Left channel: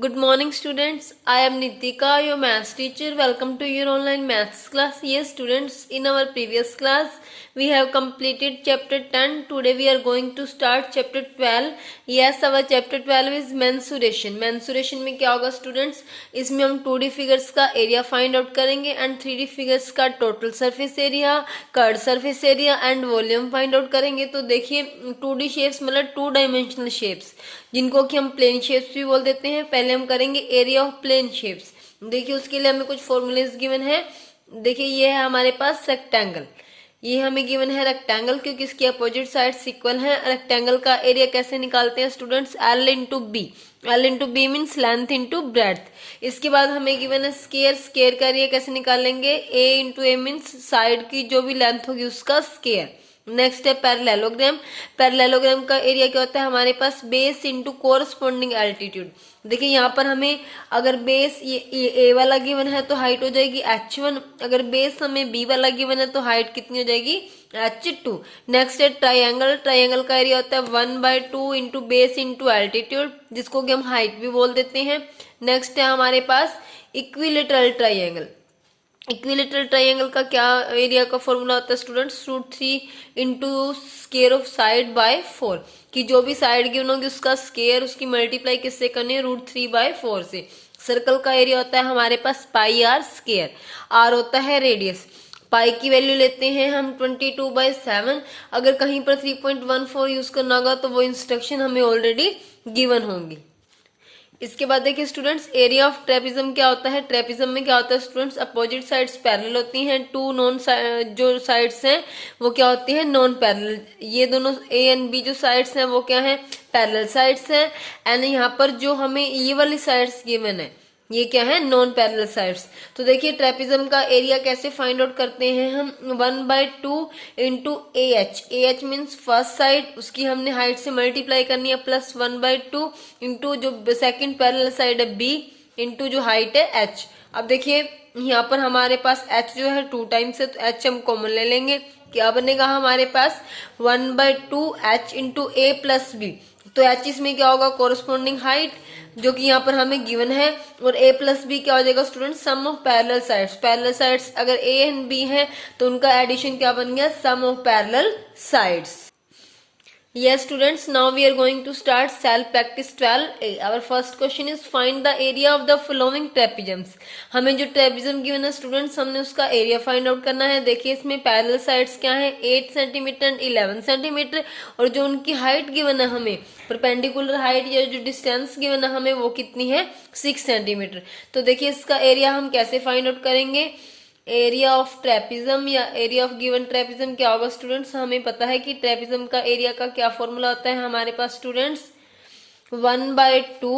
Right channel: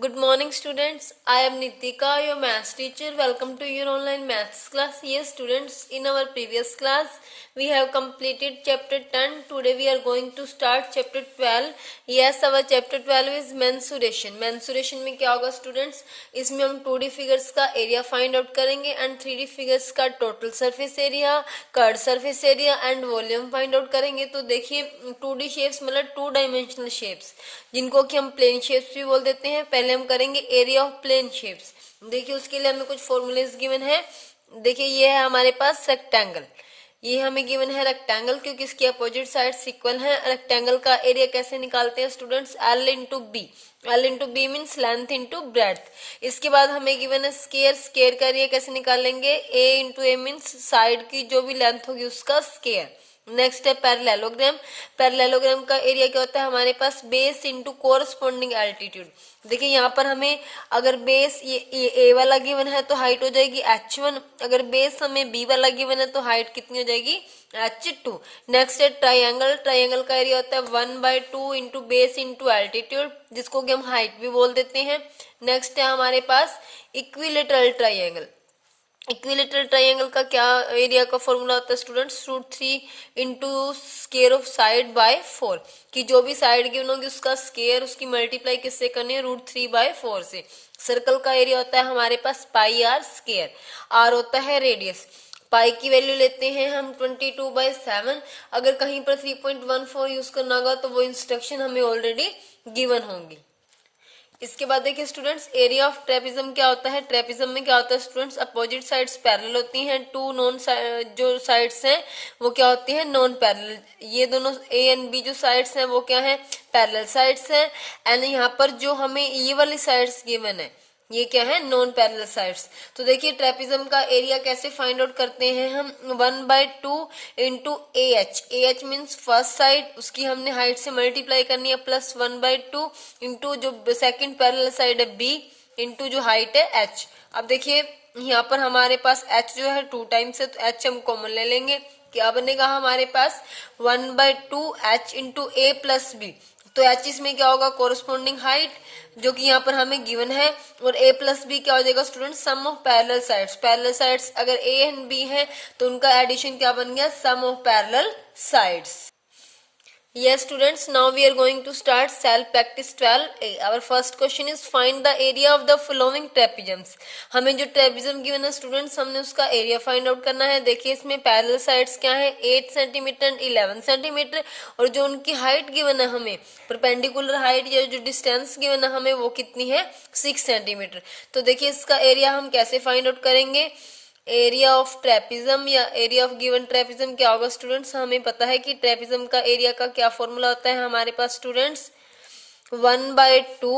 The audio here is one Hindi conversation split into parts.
Good morning students, I am Nitika, your maths teacher. Welcome to your online maths class. Yes students, in our previous class we have completed chapter 10. Today we are going to start chapter 12. Yes, our chapter 12 is mensuration. Mensuration में क्या होगा students? इसमें हम 2D figures का area find out करेंगे and 3D figures का total surface area, curved surface area and volume find out करेंगे. तो देखिए 2D shapes मतलब 2 dimensional shapes जिनको कि हम प्लेन शेप्स भी बोल देते हैं. पहले हम करेंगे एरिया ऑफ प्लेन शेप्स. देखिए उसके लिए हमें कुछ फॉर्मूलेज गिवन है. देखिए ये है हमारे पास रेक्टेंगल. ये हमें गिवन है रेक्टेंगल क्योंकि इसकी अपोजिट साइड्स इक्वल है. रेक्टेंगल का एरिया कैसे निकालते हैं students? L into B. L into B means length into breadth. इसके बाद हमें गिवन है स्केयर. स्केयर का एरिया कैसे निकालेंगे? A into A means side की जो भी लेंथ होगी उसका स्केयर. नेक्स्ट है पैरेललोग्राम. पैरेललोग्राम का एरिया क्या होता है हमारे पास? Base into corresponding altitude. देखिए यहाँ पर हमें अगर बेस ये ए वाला गिवन है तो हाइट हो जाएगी h1. अगर बेस हमें बी वाला गिवन है तो हाइट कितनी हो जाएगी? h2. नेक्स्ट है ट्राइंगल. ट्राइंगल का एरिया होता है 1/2 इंटू बेस इंटू एल्टीट्यूड जिसको कि हम हाइट भी बोल देते हैं. नेक्स्ट है हमारे पास इक्विलेटरल ट्राइंगल. इक्विलेटरल ट्राइंगल का क्या एरिया का फॉर्मूला होता है students? √3 into square of side by 4. कि जो भी साइड गिवन होगी उसका स्केयर उसकी मल्टीप्लाई किससे करनी है? √3/4 से. सर्कल का एरिया होता है हमारे पास पाई आर स्केयर. आर होता है रेडियस. पाई की वैल्यू लेते हैं हम 22/7. अगर कहीं पर 3.14 यूज करना होगा तो वो इंस्ट्रक्शन हमें ऑलरेडी गिवन होंगी. इसके बाद देखिए स्टूडेंट्स एरिया ऑफ ट्रेपिज्म क्या होता है? ट्रेपिज्म में क्या होता है स्टूडेंट्स? अपोजिट साइड्स पैरेलल होती हैं. टू नॉन जो साइड्स हैं वो क्या होती हैं? Non parallel. ये दोनों ए एंड बी जो साइड्स हैं वो क्या है? पैरेलल साइड्स हैं. एंड यहाँ पर जो हमें ये वाली साइड्स गिवन है ये क्या है? Non parallel sides. तो देखिए ट्रेपिज्म का एरिया कैसे फाइंड आउट करते हैं हम? 1/2 into AH means first side उसकी हमने हाइट से मल्टीप्लाई करनी है प्लस 1/2 इंटू जो सेकंड पैरेलल साइड है B इंटू जो हाइट है H. अब देखिए यहाँ पर हमारे पास H जो है 2 टाइम्स है तो H हम कॉमन ले लेंगे. क्या बनेगा हमारे पास? 1/2 H into A plus B. तो H इसमें क्या होगा? कोरस्पॉन्डिंग हाइट जो कि यहाँ पर हमें गिवन है. और A प्लस बी क्या हो जाएगा student? Sum of parallel sides. Parallel sides अगर A एंड B है तो उनका एडिशन क्या बन गया? Sum of parallel sides. Yes students, now we are going to start self practice 12A. Our first question is find the area of the following trapeziums. हमें जो ट्रेपिज्म गिवन है स्टूडेंट्स हमने उसका एरिया फाइंड आउट करना है. देखिए इसमें पैरेलल साइड्स क्या है? 8 सेंटीमीटर एंड 11 सेंटीमीटर. और जो उनकी हाइट गिवन है हमें परपेंडिकुलर हाइट या जो डिस्टेंस गिवन है हमें वो कितनी है? 6 सेंटीमीटर. तो देखिए इसका एरिया हम कैसे फाइंड आउट करेंगे? एरिया ऑफ ट्रेपिज्म या एरिया ऑफ गिवन ट्रेपिज्म क्या होगा स्टूडेंट्स? हमें पता है कि ट्रेपिज्म का एरिया का क्या फॉर्मूला होता है हमारे पास students? 1/2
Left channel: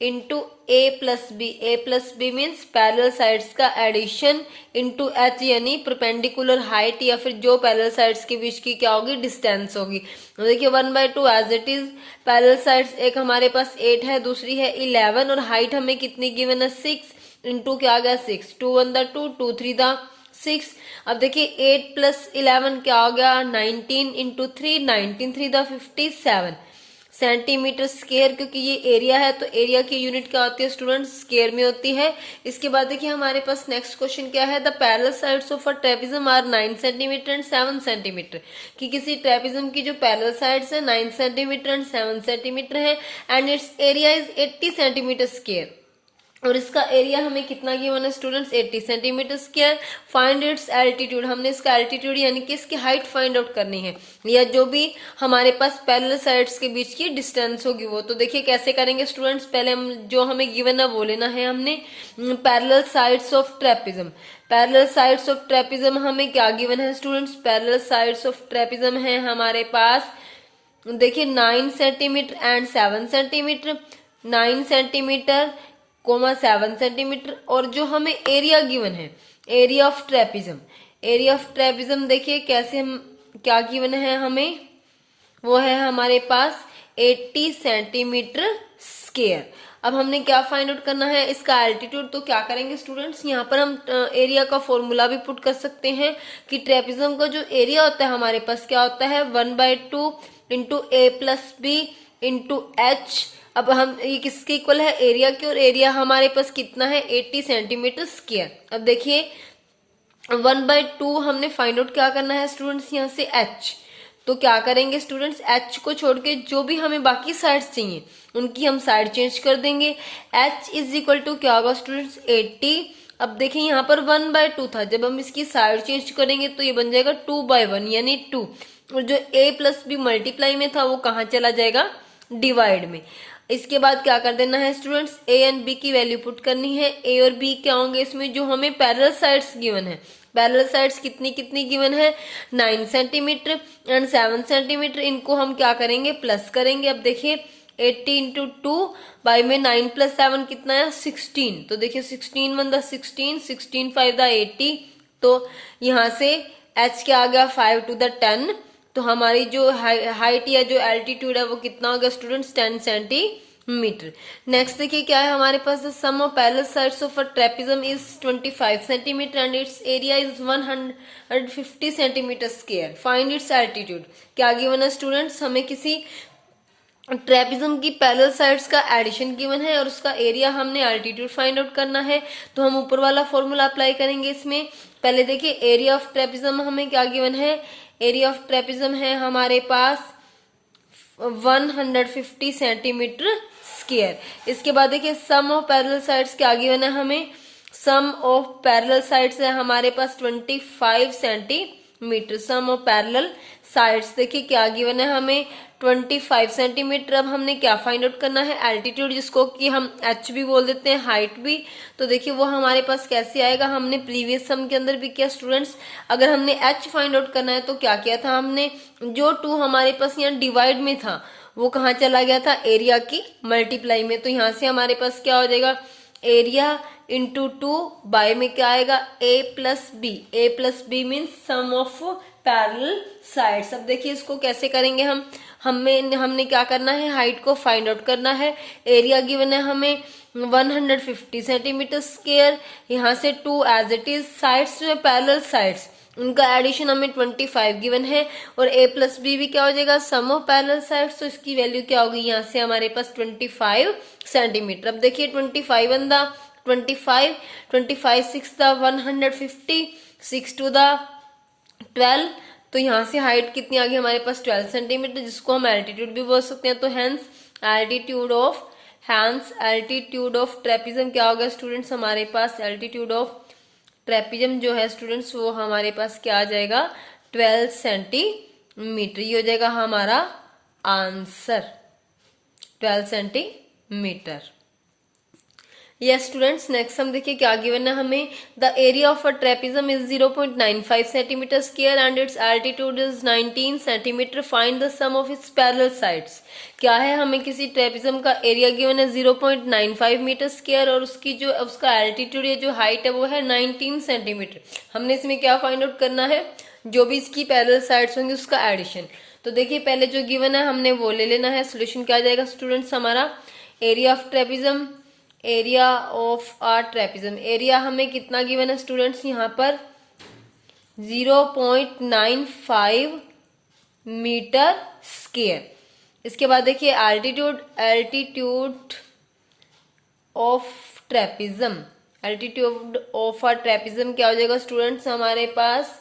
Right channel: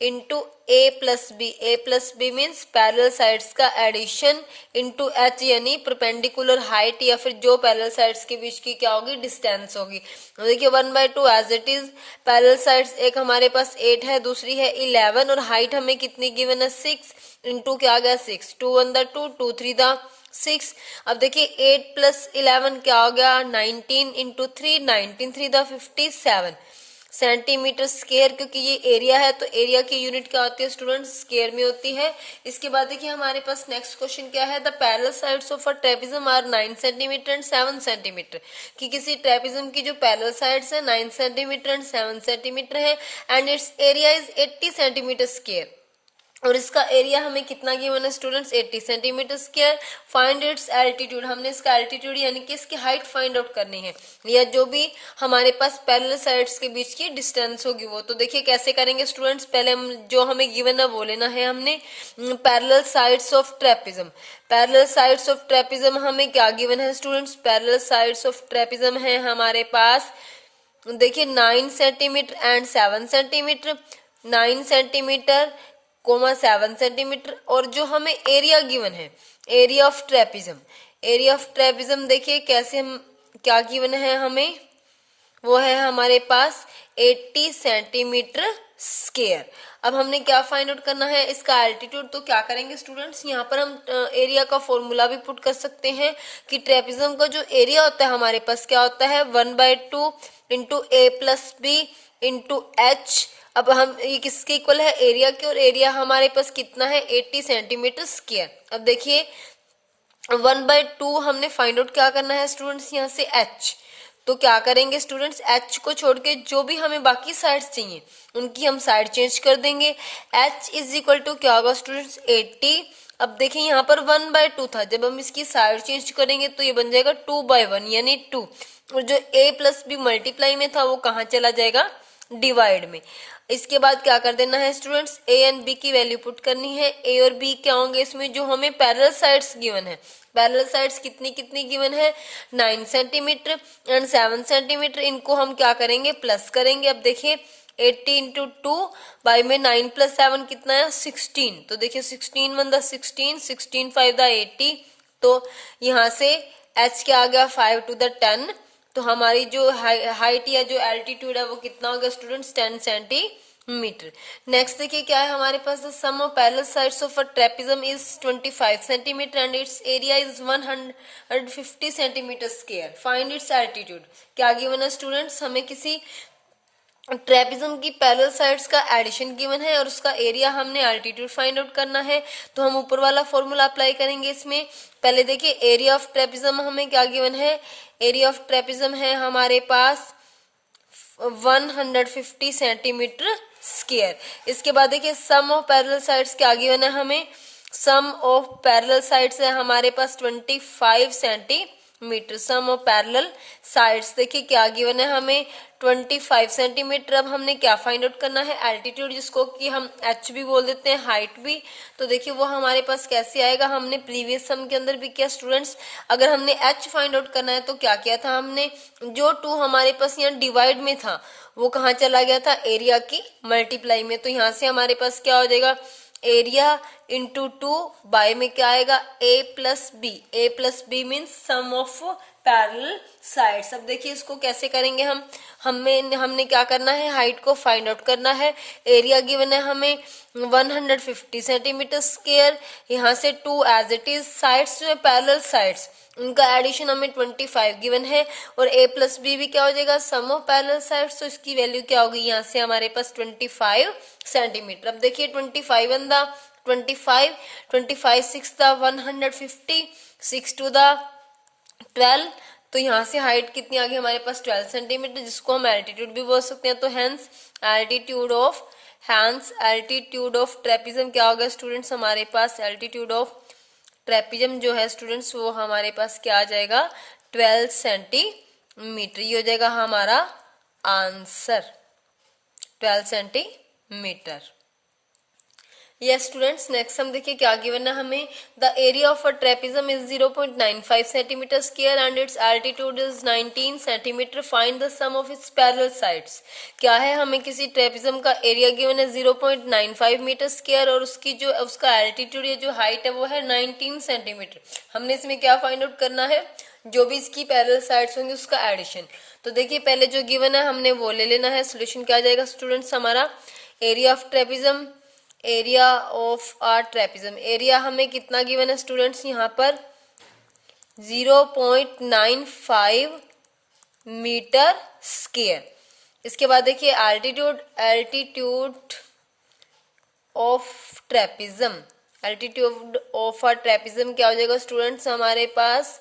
into A plus B. A plus B means parallel sides का एडिशन इंटू H यानी परपेंडिकुलर हाइट या फिर जो पैरेलल साइड्स के बीच की क्या होगी? डिस्टेंस होगी. तो देखिए 1/2 as it is. Parallel sides एक हमारे पास 8 है दूसरी है 11 और हाइट हमें कितनी गिवन है? 6 इंटू क्या आ गया? 6. 2 1 द 2 2 3 द 6. अब देखिए 8 प्लस 11 क्या हो गया? 19 इंटू 3 19 3 द 57 सेंटीमीटर स्केयर. क्योंकि ये एरिया है तो एरिया की यूनिट क्या होती है स्टूडेंट्स? स्केयर में होती है. इसके बाद देखिए हमारे पास नेक्स्ट क्वेश्चन क्या है? The parallel sides of a trapezium are 9 centimetre and 7 centimetre. कि किसी ट्रेपिज्म की जो पैरेलल साइड्स है 9 सेंटीमीटर एंड 7 सेंटीमीटर है and its area is 80 centimetre square. और इसका एरिया हमें कितना गिवन है students? 80 centimetre square. Find its altitude. हमने इसका एल्टीट्यूड यानी कि इसकी हाइट फाइंड आउट करनी है या जो भी हमारे पास पैरेलल साइड्स के बीच की डिस्टेंस होगी वो. तो देखिए कैसे करेंगे स्टूडेंट्स? पहले हम जो हमें गिवन है वो लेना है हमने parallel sides of trapezium. Parallel sides of trapezium हमें क्या गिवन है students? Parallel sides of trapezium है हमारे पास देखिए 9 centimetre and 7 centimetre. 9 centimetre 7 centimetre. और जो हमें एरिया गिवन है area of trapezium. Area of trapezium देखिए कैसे हम क्या गिवन है हमें? वो है हमारे पास 80 सेंटीमीटर स्क्वायर. अब हमने क्या फाइंड आउट करना है? इसका एल्टीट्यूड. तो क्या करेंगे स्टूडेंट्स? यहाँ पर हम एरिया का फॉर्मूला भी पुट कर सकते हैं कि ट्रेपिज्म का जो एरिया होता है हमारे पास क्या होता है? 1/2 into A plus B into H अब हम ये किसके इक्वल है, एरिया के, और एरिया हमारे पास कितना है 80 सेंटीमीटर स्क्वायर। अब देखिए 1/2 हमने फाइंड आउट क्या करना है स्टूडेंट्स, यहाँ से h, तो क्या करेंगे स्टूडेंट्स, h को छोड़ के जो भी हमें बाकी साइड्स चाहिए उनकी हम साइड चेंज कर देंगे। h इज इक्वल टू क्या होगा स्टूडेंट्स 80। अब देखिए यहाँ पर 1/2 था, जब हम इसकी साइड चेंज करेंगे तो ये बन जाएगा 2/1 यानी 2, और जो a प्लस बी मल्टीप्लाई में था वो कहाँ चला जाएगा, डिवाइड में। इसके बाद क्या कर देना है स्टूडेंट्स, a एंड b की वैल्यू पुट करनी है। a और b क्या होंगे इसमें, जो हमें पैरेलल साइड्स गिवन है, पैरेलल साइड्स कितनी कितनी गिवन है 9 सेंटीमीटर एंड 7 सेंटीमीटर, इनको हम क्या करेंगे प्लस करेंगे। अब देखिए 80 इंटू 2 बाई में 9 प्लस 7 कितना है 16, तो देखिए 16 1 16, 16 5 80, तो यहाँ से h क्या आ गया 5 to the 10, तो हमारी जो हाइट या जो एल्टीट्यूड है वो कितना होगा स्टूडेंट्स 10 सेंटीमीटर। नेक्स्ट देखिए क्या है हमारे पास, the sum of parallel sides of a trapezium is 25 centimetre and its area is 150 centimetre square, find its altitude. क्या गिवन है स्टूडेंट्स, हमें किसी ट्रेपेजियम की पैरेलल साइड्स का एडिशन गिवन है और उसका एरिया हमने एल्टीट्यूड फाइंड आउट करना है, तो हम ऊपर वाला फॉर्मूला अप्लाई करेंगे इसमें। पहले देखिए एरिया ऑफ ट्रेपेजियम हमें क्या गिवन है, एरिया ऑफ ट्रेपेजियम है हमारे पास 150 सेंटीमीटर स्क्वायर। इसके बाद देखिए सम ऑफ पैरेलल साइड्स क्या गिवन है हमें, सम ऑफ पैरेलल साइड्स है हमारे पास 25 centimetre, sum of parallel sides देखिए क्या गिवन है हमें 25 सेंटीमीटर। अब हमने क्या फाइंड आउट करना है, एल्टीट्यूड, जिसको कि हम h भी बोल देते हैं, हाइट भी, तो देखिए वो हमारे पास कैसे आएगा, हमने प्रीवियस सम के अंदर भी किया स्टूडेंट्स। अगर हमने h फाइंड आउट करना है तो क्या किया था हमने, जो 2 हमारे पास यहाँ डिवाइड में था वो कहाँ चला गया था, एरिया की मल्टीप्लाई में, तो यहाँ से हमारे पास क्या हो जाएगा, एरिया इंटू 2 बाय में क्या आएगा a plus B means sum of parallel sides. अब देखिए इसको कैसे करेंगे हमने क्या करना है, हाइट को फाइंड आउट करना है, एरिया गिवन है हमें 150 सेंटीमीटर स्क्वायर, यहाँ से 2 एज इट इज, साइड्स में पैरेलल साइड्स उनका एडिशन हमें 25 गिवन है, और a प्लस बी भी क्या हो जाएगा सम ऑफ पैरेलल साइड्स, तो इसकी वैल्यू क्या होगी यहाँ से हमारे पास 25 सेंटीमीटर। अब देखिए 25 1 दा 25, 25 6 दा 150, 6 2 दा 12, तो यहाँ से हाइट कितनी आ गई हमारे पास 12 सेंटीमीटर, जिसको हम एल्टीट्यूड भी बोल सकते हैं। तो हेंस एल्टीट्यूड ऑफ ट्रेपेजियम क्या हो गया स्टूडेंट्स, हमारे पास एल्टीट्यूड ऑफ ट्रेपेजियम जो है स्टूडेंट्स वो हमारे पास क्या आ जाएगा 12 सेंटीमीटर, ये हो जाएगा हमारा answer 12 centimetre. Yes students, next हम देखिए क्या गिवन है हमें, the area of a trapezium is 0.95 centimetre square and its altitude is 19 centimetre, find the sum of its parallel sides. क्या है, हमें किसी ट्रेपेजियम का एरिया गिवन है 0.95 मीटर स्क्वायर और उसका एल्टीट्यूड या जो हाइट है वो है 19 सेंटीमीटर। हमने इसमें क्या फाइंड आउट करना है, जो भी इसकी पैरेलल साइड्स होंगे उसका एडिशन। तो देखिए पहले जो गिवन है हमने वो ले लेना है, सोल्यूशन क्या आ जाएगा स्टूडेंट्स हमारा, area of trapezium, area of are trapezium, area हमें कितना गिवन है स्टूडेंट्स यहाँ पर 0.95 मीटर स्क्वायर। इसके बाद देखिए altitude of trapezium, altitude of are trapezium क्या हो जाएगा स्टूडेंट्स हमारे पास,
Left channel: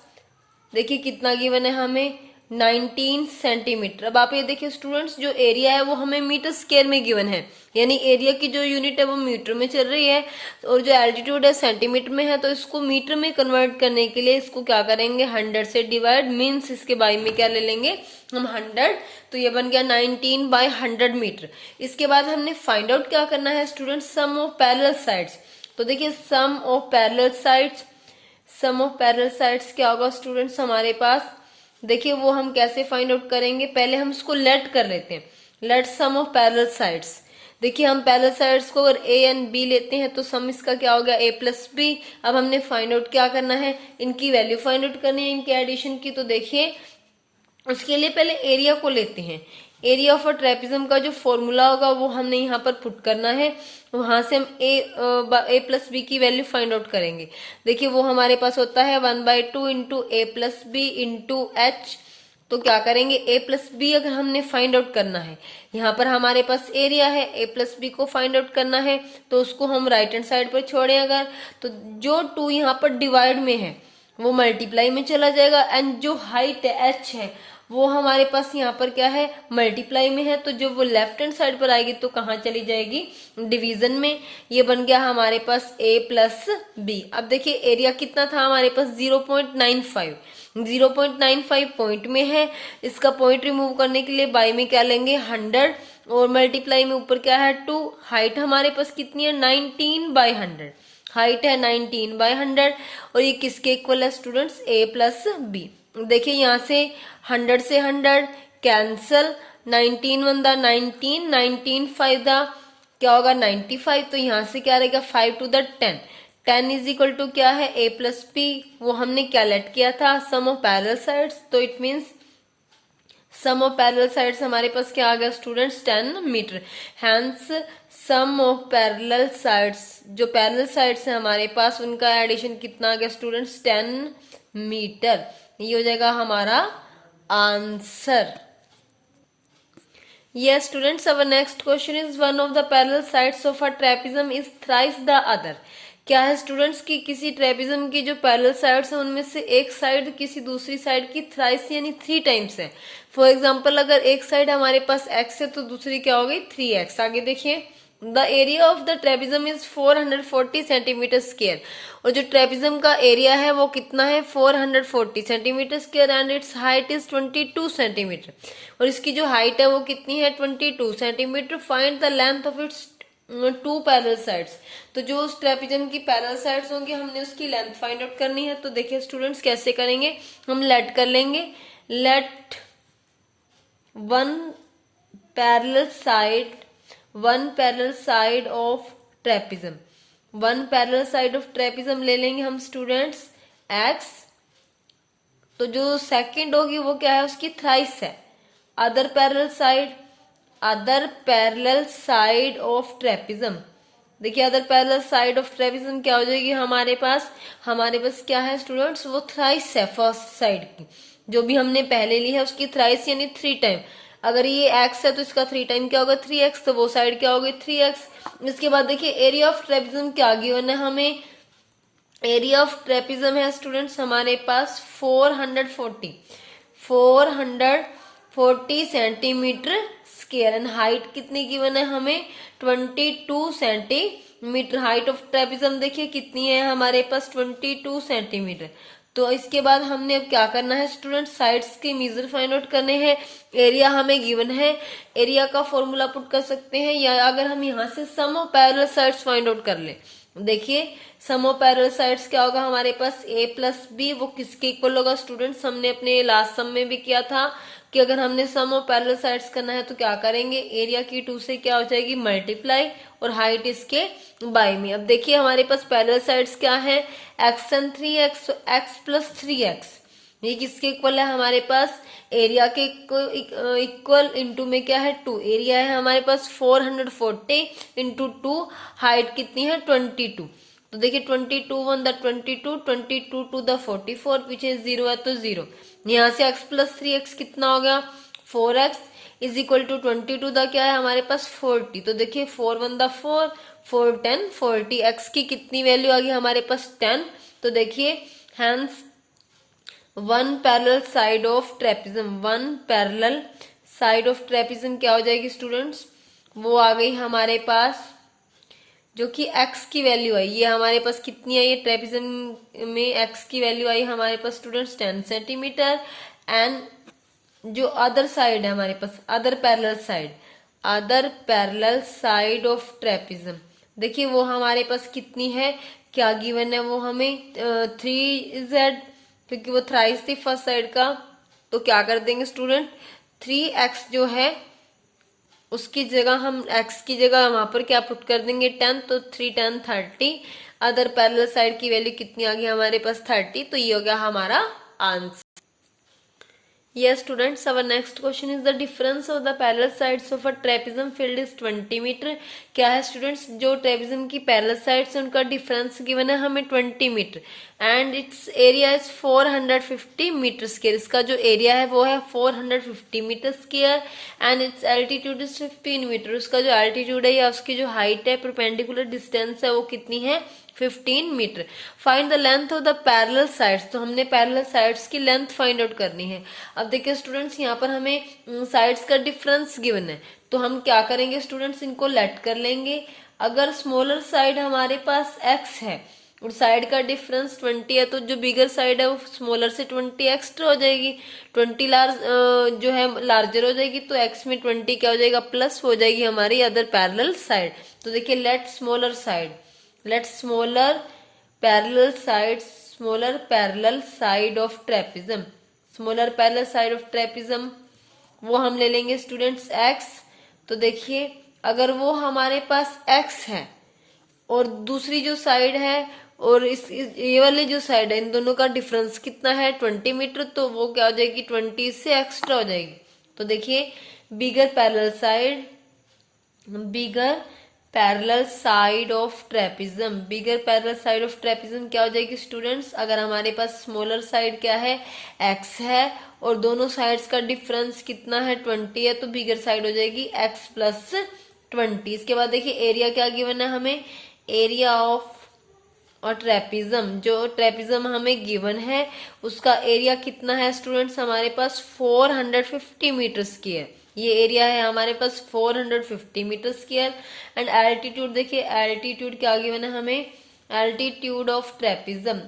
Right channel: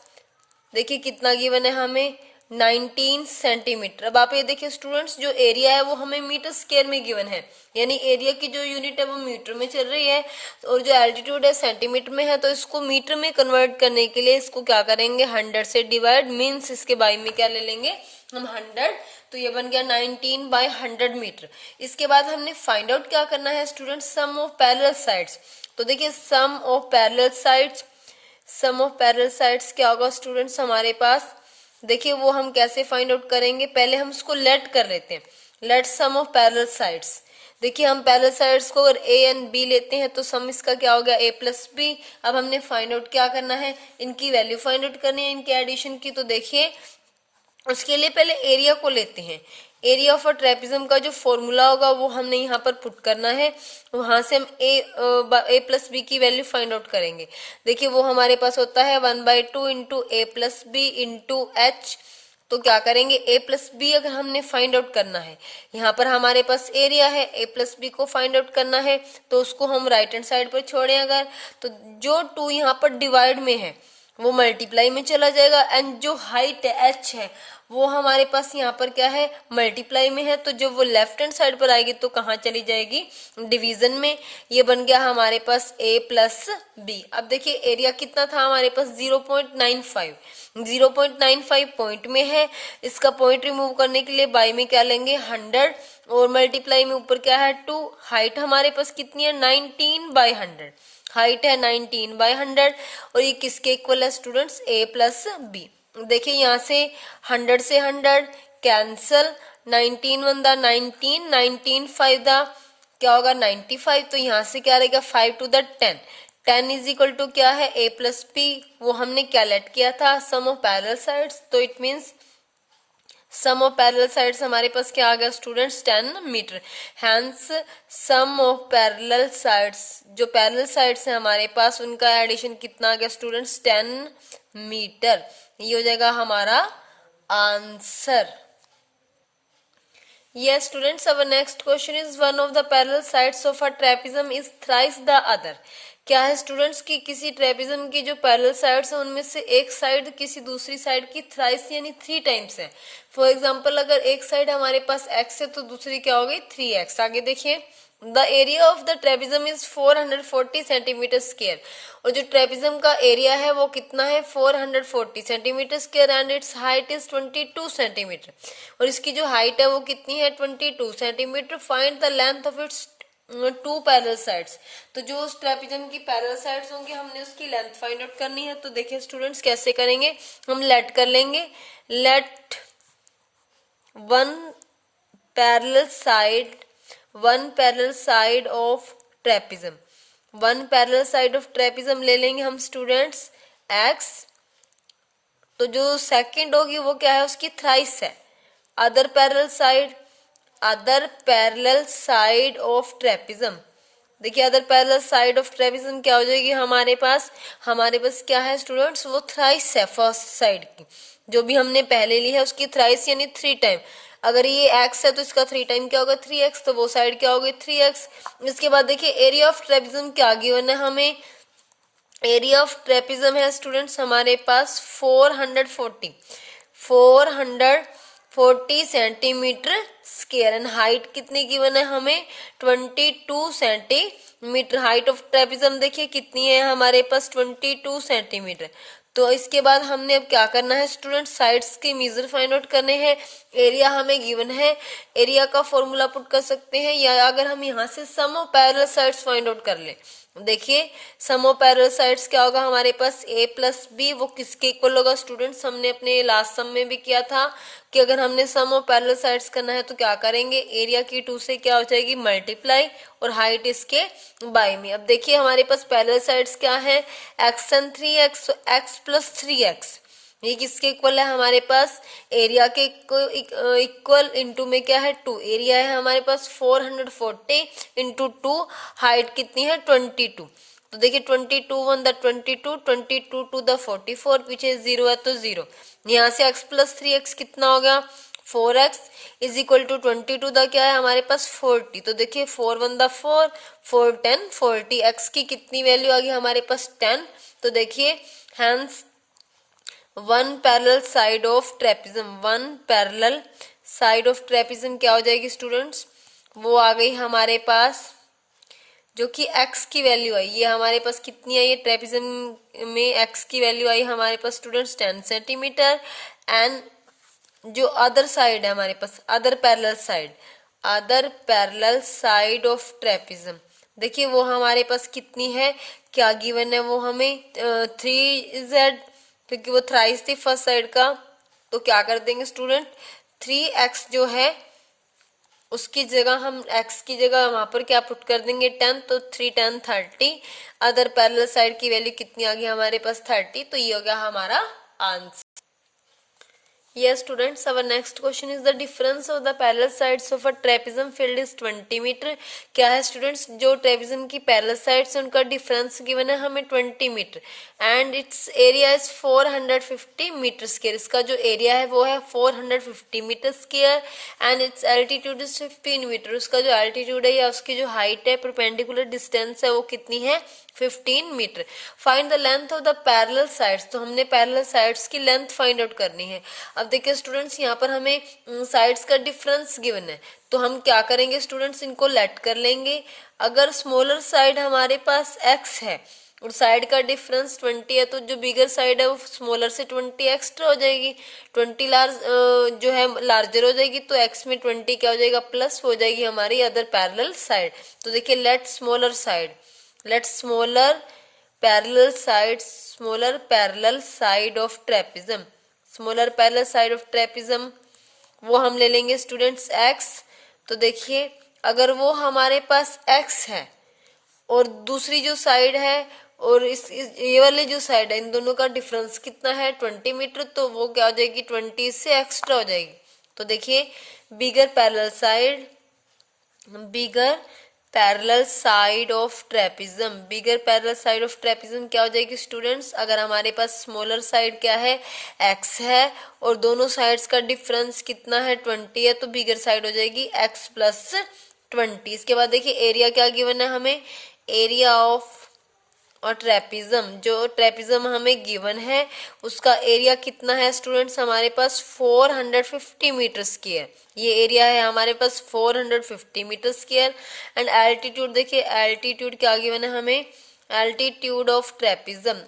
देखिए कितना गिवन है हमें 19 सेंटीमीटर। अब आप ये देखिए स्टूडेंट्स, जो एरिया है वो हमें मीटर स्क्वायर में गिवन है, यानी एरिया की जो यूनिट है वो मीटर में चल रही है, और जो एल्टीट्यूड है सेंटीमीटर में है, तो इसको मीटर में कन्वर्ट करने के लिए इसको क्या करेंगे 100 से डिवाइड, मीन्स इसके बाई में क्या ले लेंगे हम 100, तो ये बन गया 19/100 मीटर। इसके बाद हमने फाइंड आउट क्या करना है students, sum of parallel sides. तो देखिए सम ऑफ पैरेलल साइड्स क्या होगा स्टूडेंट्स हमारे पास, देखिए वो हम कैसे फाइंड आउट करेंगे, पहले हम इसको लेट कर लेते हैं, let sum of parallel sides. देखिए हम पैरेलल साइड्स को अगर a एंड b लेते हैं तो सम इसका क्या हो गया a प्लस बी। अब हमने फाइंड आउट क्या करना है, इनकी वैल्यू फाइंड आउट करनी है, इनके एडिशन की। तो देखिए उसके लिए पहले एरिया को लेते हैं, एरिया ऑफ अ ट्रेपेजियम का जो फॉर्मूला होगा वो हमने यहाँ पर पुट करना है, वहां से हम a प्लस बी की वैल्यू फाइंड आउट करेंगे। देखिए वो हमारे पास होता है 1/2 into a plus B into h तो क्या करेंगे, ए प्लस बी अगर हमने फाइंड आउट करना है, यहाँ पर हमारे पास एरिया है, ए प्लस बी को फाइंड आउट करना है, तो उसको हम राइट हैंड साइड पर छोड़ें अगर, तो जो 2 यहाँ पर डिवाइड में है वो मल्टीप्लाई में चला जाएगा, एंड जो हाइट एच है वो हमारे पास यहाँ पर क्या है, मल्टीप्लाई में है, तो जब वो लेफ्ट हैंड साइड पर आएगी तो कहाँ चली जाएगी, डिवीजन में। ये बन गया हमारे पास a प्लस बी। अब देखिए एरिया कितना था हमारे पास, 0.95, 0.95 पॉइंट में है, इसका पॉइंट रिमूव करने के लिए बाई में क्या लेंगे, 100, और मल्टीप्लाई में ऊपर क्या है 2, हाइट हमारे पास कितनी है, 19/100, हाइट है 19/100, और ये किसके इक्वल है स्टूडेंट्स, a प्लस बी। देखिए यहाँ से 100 से 100 कैंसल, 19 1 दा 19, 19 5 दा क्या होगा 95, तो यहाँ से क्या रहेगा 5 to the 10, 10 is equal to क्या है, a प्लस पी, वो हमने क्या लेट किया था, सम ऑफ पैरेलल साइड्स, तो it means sum of parallel sides हमारे पास क्या आ गया students, 10 metre. Hence sum of parallel sides, जो पैरेलल साइड्स है हमारे पास उनका एडिशन कितना आ गया स्टूडेंट्स, 10 मीटर। ये हो जाएगा हमारा answer. Yes, students, our next question is one of the parallel sides of a trapezium is thrice the other. क्या है स्टूडेंट्स की किसी ट्रेपिज्म की जो पैरेलल साइड्स है उनमें से एक साइड किसी दूसरी साइड की थ्राइस यानी 3 टाइम्स है। फॉर एग्जांपल अगर एक साइड हमारे पास x है तो दूसरी क्या हो गई 3x। आगे देखिए, the area of the trapezium is 440 centimetre square, और जो ट्रेपिज्म का एरिया है वो कितना है 440 centimetre square, and it's height is 22 centimetre, और इसकी जो हाइट है वो कितनी है 22 centimetre. Find the length of its 2 parallel sides. तो जो उस ट्रेपिज्म की पैरेलल साइड्स होंगी हमने उसकी लेंथ फाइंड आउट करनी है। तो देखिए स्टूडेंट्स कैसे करेंगे, हम लेट कर लेंगे, let one parallel side of trapezium, one parallel side of trapezium ले लेंगे हम स्टूडेंट्स x, तो जो सेकंड होगी वो क्या है उसकी थ्राइस है। Other parallel side of trapezium, देखिए other parallel side of trapezium क्या हो जाएगी हमारे पास क्या है स्टूडेंट्स, वो थ्राइस है फर्स्ट साइड की, जो भी हमने पहले ली है उसकी थ्राइस यानी 3 टाइम। अगर ये x है तो इसका 3 टाइम क्या होगा 3x, तो वो साइड क्या होगी 3x। इसके बाद देखिए एरिया ऑफ ट्रेपिज्म क्या गिवन है हमें, एरिया ऑफ ट्रेपिज्म है स्टूडेंट्स हमारे पास 440 सेंटीमीटर स्क्वायर, एंड हाइट कितनी गिवन है हमें 22 सेंटीमीटर। हाइट ऑफ ट्रेपिज्म देखिए कितनी है हमारे पास 22 सेंटीमीटर। तो इसके बाद हमने अब क्या करना है स्टूडेंट, साइड्स के मेजर फाइंड आउट करने हैं। एरिया हमें गिवन है, एरिया का फॉर्मूला पुट कर सकते हैं, या अगर हम यहाँ से sum of parallel sides find out कर ले। देखिए सम ऑफ पैरेलल साइड्स क्या होगा हमारे पास a प्लस बी, वो किसके इक्वल होगा स्टूडेंट्स, हमने अपने लास्ट सम में भी किया था कि अगर हमने सम ऑफ पैरेलल साइड्स करना है तो क्या करेंगे, एरिया की 2 से क्या हो जाएगी मल्टीप्लाई, और हाइट इसके बाई में। अब देखिए हमारे पास पैरेलल साइड्स क्या है, x and 3x, x plus 3x, ये किसके इक्वल है हमारे पास, एरिया के इक्वल, इनटू में क्या है 2, एरिया है हमारे पास 440 इंटू 2, हाइट कितनी है 22। तो देखिए 22 1 द 22, 22 टू द 44, पीछे 0 है तो 0, यहाँ से x प्लस 3x कितना हो गया 4x is equal to 22 the क्या है हमारे पास 40। तो देखिए 4 1 द 4, 4 10 40, x की कितनी वैल्यू आ गई हमारे पास 10। तो देखिए hence one parallel side of trapezium, one parallel side of trapezium क्या हो जाएगी स्टूडेंट्स, वो आ गई हमारे पास जो कि x की वैल्यू है, ये हमारे पास कितनी है, ये ट्रेपिज्म में x की वैल्यू आई हमारे पास स्टूडेंट्स 10 सेंटीमीटर। एंड जो अदर साइड है हमारे पास, other parallel side of trapezium, देखिए वो हमारे पास कितनी है, क्या गिवन है वो हमें 3z, क्योंकि वो थ्राइस थी फर्स्ट साइड का, तो क्या कर देंगे स्टूडेंट 3x जो है उसकी जगह हम x की जगह वहां पर क्या पुट कर देंगे 10, तो 3 10 30। अदर पैरेलल साइड की वैल्यू कितनी आ गई हमारे पास 30, तो ये हो गया हमारा answer. Yes, students, our next question is the difference of the parallel sides of a trapezium field is 20 metre. क्या है स्टूडेंट्स, जो ट्रेपेजियम की पैरेलल साइड्स उनका डिफरेंस गिवन है हमें 20 metre and its area is 450 metre square. इसका जो एरिया है वो है 450 metre square and its altitude is 15 metre. उसका जो एल्टीट्यूड है या उसकी जो हाइट है, परपेंडिकुलर डिस्टेंस है, वो कितनी है? 15 metre. Find the length of the parallel sides. तो हमने पैरेलल साइड्स की लेंथ फाइंड आउट करनी है. अब देखिए स्टूडेंट्स, यहाँ पर हमें साइड्स का डिफरेंस गिवन है, तो हम क्या करेंगे स्टूडेंट्स, इनको लेट कर लेंगे. अगर स्मॉलर साइड हमारे पास x है और साइड का डिफरेंस 20 है, तो जो बिगर साइड है वो स्मॉलर से 20 एक्स्ट्रा हो जाएगी. 20 जो है लार्जर हो जाएगी, तो x में 20 क्या हो जाएगा? प्लस हो जाएगी हमारी अदर पैरेलल साइड. तो देखिए let smaller parallel side of trapezium. Smaller parallel side of trapezium वो हम ले लेंगे स्टूडेंट्स x. तो देखिए अगर वो हमारे पास x है और दूसरी जो साइड है और ये वाली जो साइड है, इन दोनों का डिफरेंस कितना है? 20 मीटर. तो वो क्या हो जाएगी? 20 से एक्स्ट्रा हो जाएगी. तो देखिए बिगर पैरेलल साइड ऑफ ट्रेपेजियम क्या हो जाएगी स्टूडेंट्स? अगर हमारे पास स्मॉलर साइड क्या है? x है और दोनों साइड्स का डिफरेंस कितना है? 20 है, तो बिगर साइड हो जाएगी x प्लस 20. इसके बाद देखिए एरिया क्या गिवन है हमें? एरिया ऑफ और ट्रेपेजियम, जो ट्रेपेजियम हमें गिवन है उसका एरिया कितना है स्टूडेंट्स? हमारे पास 450 मीटर स्क्वायर. ये एरिया है हमारे पास 450 मीटर स्क्वायर. एंड एल्टीट्यूड देखिए, एल्टीट्यूड क्या गिवन है हमें? एल्टीट्यूड ऑफ ट्रेपेजियम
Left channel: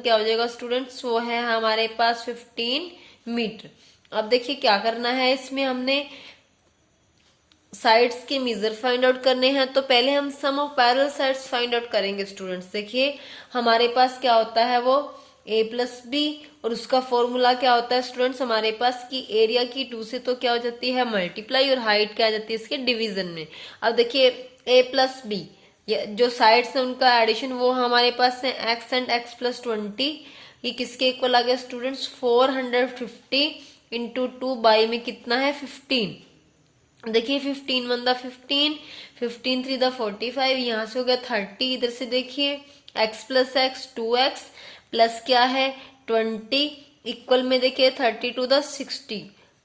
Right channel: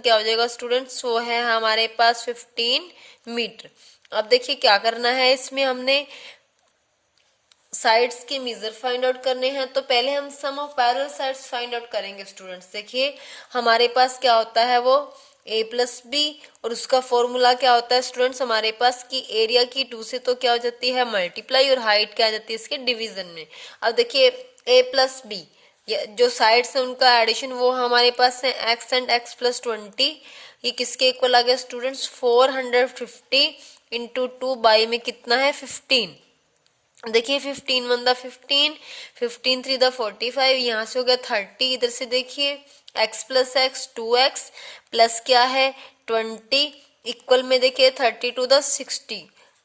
क्या हो जाएगा स्टूडेंट्स? वो है हमारे पास 15 मीटर. अब देखिए क्या करना है, इसमें हमने साइड्स के मेजर फाइंड आउट करने हैं. तो पहले हम sum of parallel sides find out करेंगे स्टूडेंट्स. देखिए हमारे पास क्या होता है, वो a प्लस बी, और उसका फॉर्मूला क्या होता है स्टूडेंट्स हमारे पास की एरिया की 2 से तो क्या हो जाती है? मल्टीप्लाई, और हाइट क्या आ जाती है इसके? डिवीजन में. अब देखिए a प्लस बी, जो साइड्स है उनका एडिशन वो हमारे पास है x एंड x प्लस 20. ये किसके इक्वल आ गया स्टूडेंट्स? 450 इंटू 2 बाई में कितना है? 15. देखिए 15 1 दा 15, 15 3 दा 45, यहाँ से हो गया 30. इधर से देखिए x plus x 2x plus क्या है? 20 इक्वल में देखिए 32 दा 60.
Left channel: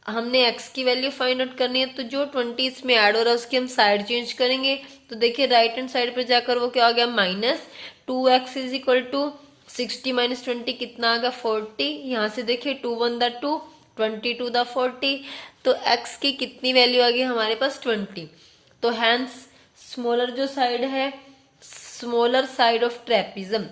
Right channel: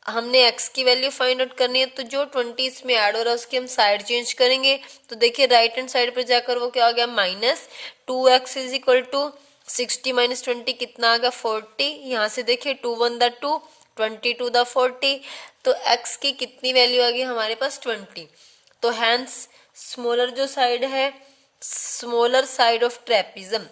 हमने x की वैल्यू फाइंड आउट करनी है, तो जो 20 इसमें ऐड हो रहा है उसकी हम साइड चेंज करेंगे. तो देखिए राइट हैंड साइड पर जाकर वो क्या आ गया? Minus 2x is equal to 60 minus 20 कितना आ गया? 40. यहाँ से देखिए 2 1 दा 2, 20 2 दा 40. तो x की कितनी वैल्यू आ गई हमारे पास? 20. तो हैंस स्मॉलर जो साइड है, smaller side of trapezium,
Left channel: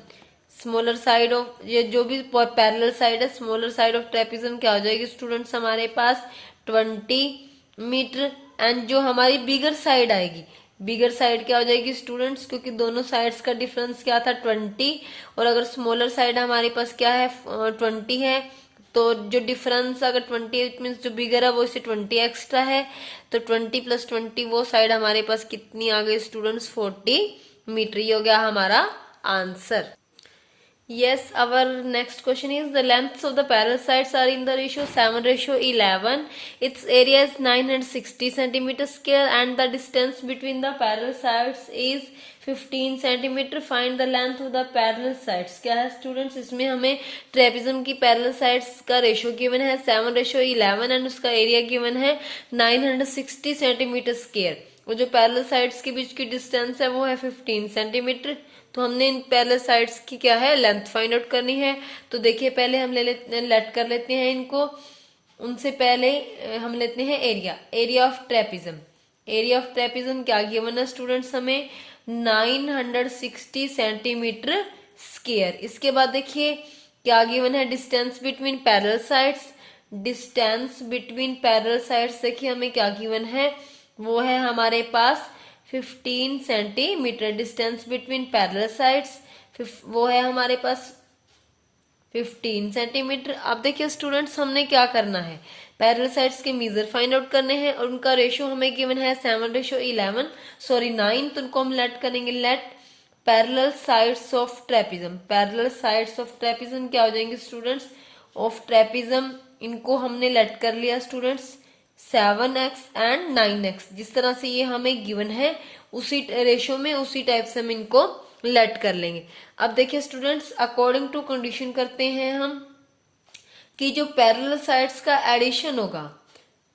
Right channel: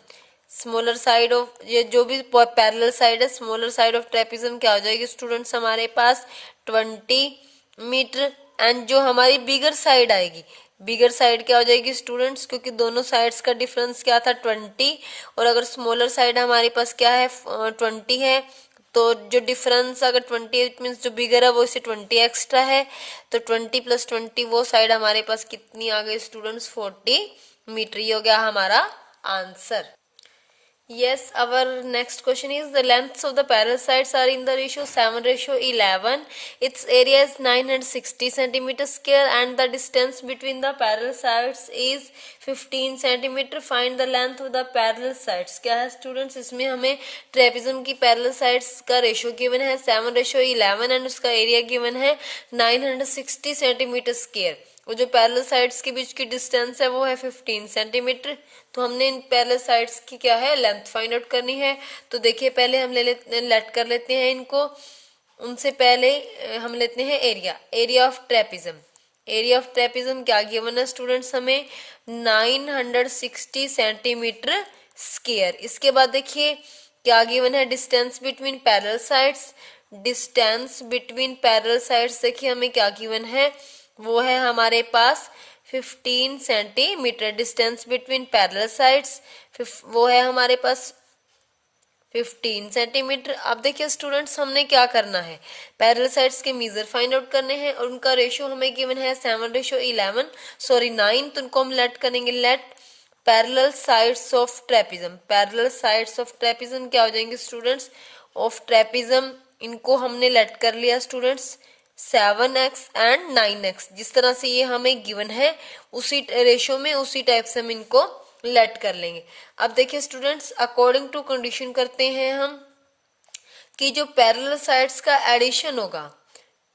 smaller side of ये जो भी पैरेलल साइड है, स्मॉलर साइड ऑफ ट्रेपेजियम क्या हो जाएगी स्टूडेंट्स हमारे पास? 20 मीटर. एंड जो हमारी बिगर साइड आएगी, बिगर साइड क्या हो जाएगी स्टूडेंट्स? क्योंकि दोनों साइड्स का डिफरेंस क्या था? 20. और अगर स्मॉलर साइड हमारे पास क्या है? 20 है, तो जो डिफरेंस अगर 20 मीन्स जो बिगर है वो इसे 20 एक्स्ट्रा है. तो 20 प्लस 20 वो साइड हमारे पास कितनी आ गई स्टूडेंट्स? 40 मीटर. ये हो गया हमारा answer. Yes, our next question is the lengths of the parallel sides are in the ratio 7:11. Its area is 960 centimeter square and the distance between the parallel sides is 15 centimeter. Find the length of the parallel sides. क्या है स्टूडेंट्स, इसमें हमें ट्रेपेजियम की पैरेलल साइड्स का रेशियो गिवन है 7:11 एंड उसका एरिया गिवन है 960 सेंटीमीटर स्क्वायर. वो जो पैरेलल साइड्स के बीच की डिस्टेंस है वो है 15 सेंटीमीटर. तो हमने इन पैरेलल साइड्स की क्या है? लेंथ फाइंड आउट करनी है. तो देखिए पहले हम लेट कर लेते हैं इनको. उनसे पहले हम लेते हैं area of trapezium. Area of trapezium क्या गिवन है स्टूडेंट्स हमें? 960 सेंटीमीटर स्क्वायर. इसके बाद देखिए क्या गिवन है? Distance between parallel sides. Distance between parallel sides देखिए हमें क्या गिवन है? वो है हमारे पास 15 centimetre. Distance between parallel sides वो है हमारे पास 15 सेंटीमीटर. अब देखिए स्टूडेंट्स हमने क्या करना है? पैरेलल साइड्स के मेजर फाइंड आउट करने हैं और उनका रेशियो हमें गिवन है 7:11 सॉरी 9. तो उनको हम लेट करेंगे. Let parallel sides of trapezium. Parallel sides of trapezium क्या हो जाएंगे स्टूडेंट्स? ऑफ ट्रेपेजियम इनको हमने लेट कर लिया स्टूडेंट्स 7x एंड 9x, जिस तरह से ये हमें गिवन है उसी रेशो में उसी टाइप से हम इनको लेट कर लेंगे। अब देखिए स्टूडेंट्स, अकॉर्डिंग टू कंडीशन करते हैं हम कि जो पैरेलल साइड्स का एडिशन होगा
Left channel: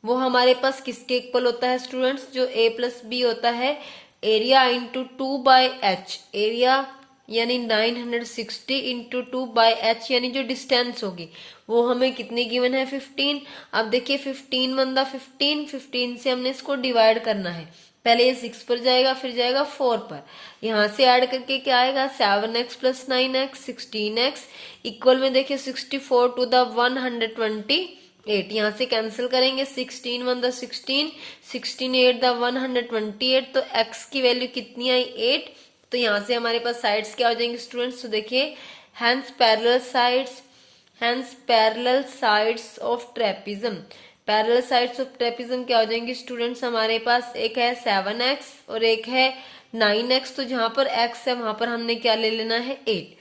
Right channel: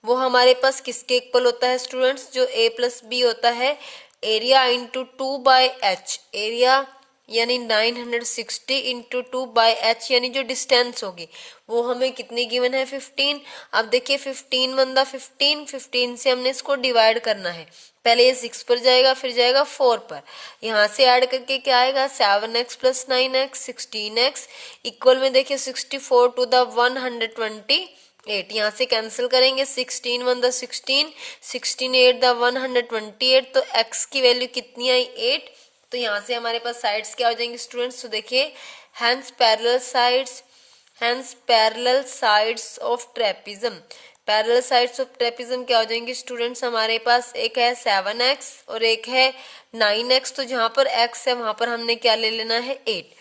वो हमारे पास किसके इक्वल होता है स्टूडेंट्स, जो a प्लस बी होता है एरिया इंटू 2/h, एरिया यानी 960 इंटू 2/h, यानी जो डिस्टेंस होगी वो हमें कितनी गिवन है 15। अब देखिए 15 बनता 15 से हमने इसको डिवाइड करना है, पहले ये 6 पर जाएगा फिर जाएगा 4 पर, यहाँ से ऐड करके क्या आएगा 7x plus 9x 16x equal में देखिए 64 टू द 128, यहाँ से कैंसिल करेंगे 16 1 द 16, 16 8 द 128, तो x की वैल्यू कितनी आई 8। तो यहाँ से हमारे पास साइड्स क्या हो जाएंगे स्टूडेंट्स, तो देखिए hence parallel sides of trapezium, parallel sides of trapezium क्या हो जाएंगे स्टूडेंट्स, हमारे पास एक है 7x और एक है 9x, तो जहां पर x है वहां पर हमने क्या ले लेना है 8।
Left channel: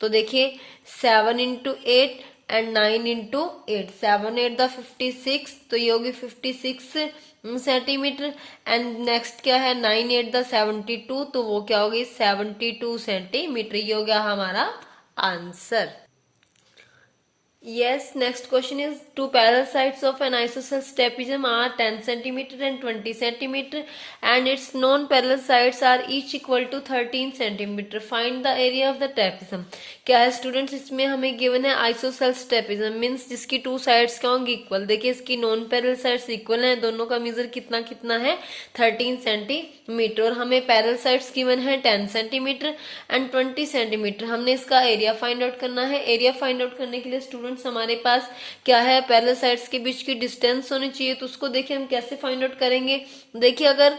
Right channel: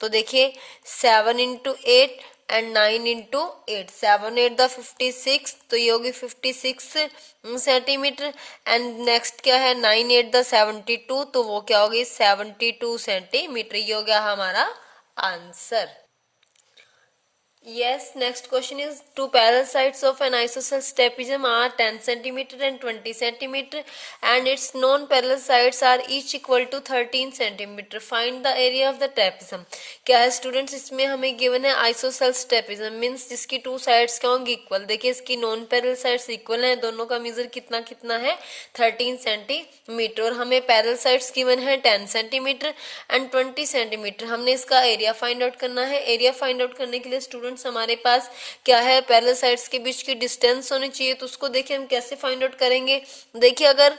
तो देखिए 7 इंटू 8 एंड 9 इंटू 8, 7 8 द 56, तो ये होगी 56 सेंटीमीटर, एंड नेक्स्ट क्या है 9 8 द 72, तो वो क्या होगी 72 सेंटीमीटर, ये हो गया हमारा answer. Yes, next question is two parallel sides of an isosceles trapezium are 10 centimeter and 20 centimeter and its non-parallel sides are each equal to 13 centimeter. Find the area of the trapezium. क्या है स्टूडेंट्स, इसमें हमें गिवन है आइसोसेल्स ट्रेपेजियम मीन्स जिसकी टू साइड्स क्या होंगी इक्वल। देखिए इसकी नॉन पैरेलल साइड्स इक्वल हैं, दोनों का मेजर कितना कितना है 13 सेंटीमीटर, और हमें पैरेलल साइड्स गिवन है 10 सेंटीमीटर एंड 20 सेंटीमीटर। हमने इसका एरिया फाइंड आउट करना है। एरिया फाइंड आउट करने के लिए स्टूडेंट्स हमारे पास क्या है पैरेलल साइड्स के बीच की डिस्टेंस होनी चाहिए, तो उसको देखिए हम कैसे फाइंड आउट करेंगे। देखिए अगर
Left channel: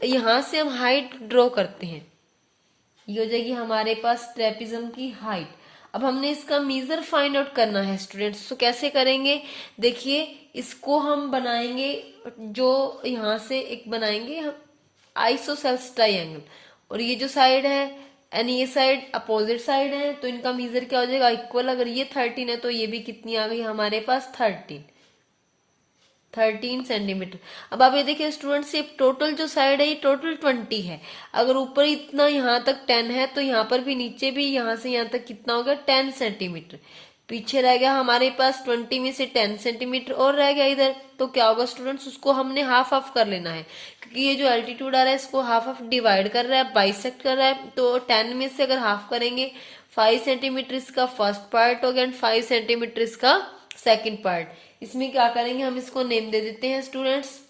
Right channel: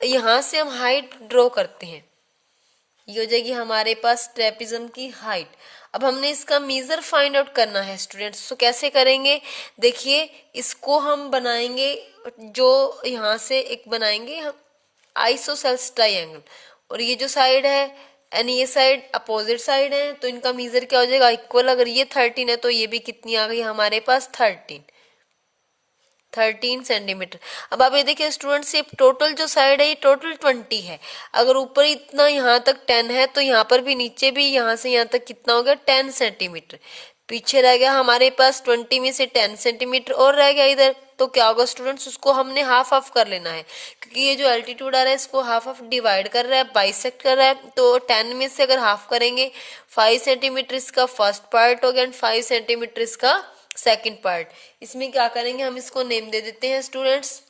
यहां से हम हाइट ड्रॉ करते हैं, ये हो जाएगी हमारे पास ट्रेपिज्म की हाइट। अब हमने इसका मेजर फाइंड आउट करना है स्टूडेंट्स, तो कैसे करेंगे, देखिए इसको हम बनाएंगे, जो यहां से एक बनाएंगे हम आइसोसेल्स ट्राइंगल, और ये जो साइड है एंड ये साइड अपोजिट साइड है, तो इनका मेजर क्या हो जाएगा इक्वल। अगर ये 13 है तो ये भी कितनी आ गई हमारे पास 13 सेंटीमीटर। अब आप ये देखिए स्टूडेंट्स, ये टोटल जो साइड है ये टोटल 20 है। अगर ऊपर इतना यहाँ तक 10 है तो यहाँ पर भी नीचे भी यहाँ से यहाँ तक कितना हो गया 10 सेंटीमीटर। पीछे रह गया हमारे पास 20 में से 10 सेंटीमीटर और रह गया इधर, तो क्या होगा स्टूडेंट्स, उसको हमने हाफ हाफ कर लेना है, क्योंकि ये जो एल्टीट्यूड आ रहा है इसको हाफ हाफ डिवाइड कर रहा है, बाइसेक्ट कर रहा है। तो 10 में से अगर हाफ करेंगे 5 सेंटीमीटर इसका फर्स्ट पार्ट हो गया एंड 5 सेंटीमीटर इसका सेकेंड पार्ट। इसमें क्या करेंगे, हम इसको नेम दे देते हैं स्टूडेंट्स,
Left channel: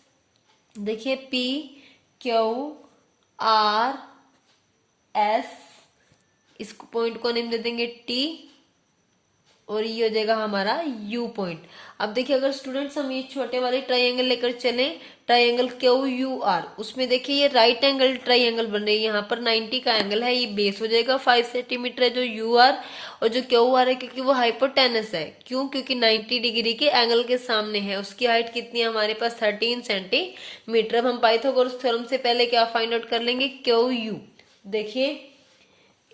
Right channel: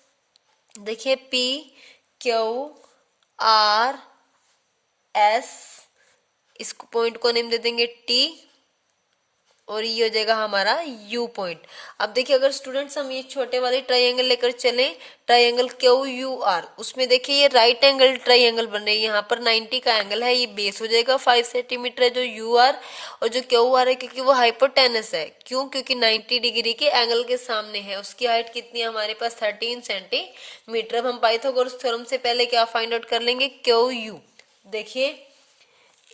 देखिए PQRS, इसको पॉइंट को नेम दे देंगे T, और ये हो जाएगा हमारा यू पॉइंट। अब देखिए अगर स्टूडेंट्स हम ये छोटे वाले ट्राइंगल लेकर चले, ट्राइंगल QUR, उसमें देखिए ये राइट एंगल ट्राइंगल बन रही है, यहाँ पर 90 का एंगल है, ये बेस हो जाएगा 5 सेंटीमीटर है जो UR, और जो QR है क्योंकि वो हाइपोटेनस है, क्यों, क्योंकि 90 डिग्री के एंगल के सामने है। उसकी हाइट कितनी है हमारे पास 13 सेंटीमीटर। अब हम पाइथागोरस थ्योरम से पहले क्या फाइंड आउट कर लेंगे QU। देखिए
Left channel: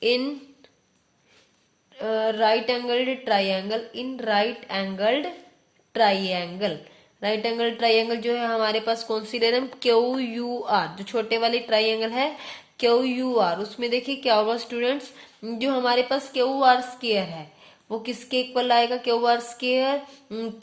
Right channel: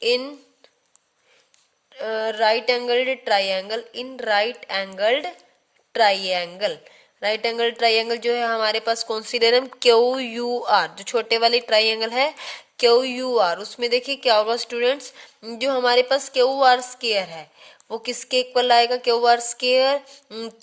in right angled triangle, in right angled triangle जो है हमारे पास कौन सी ले रहे हैं हम QUR, जो छोटे वाली ट्राइंगल है QUR, उसमें देखिए क्या होगा स्टूडेंट्स, जो हमारे पास QR स्क्वायर है वो किसके इक्वल आएगा, QR square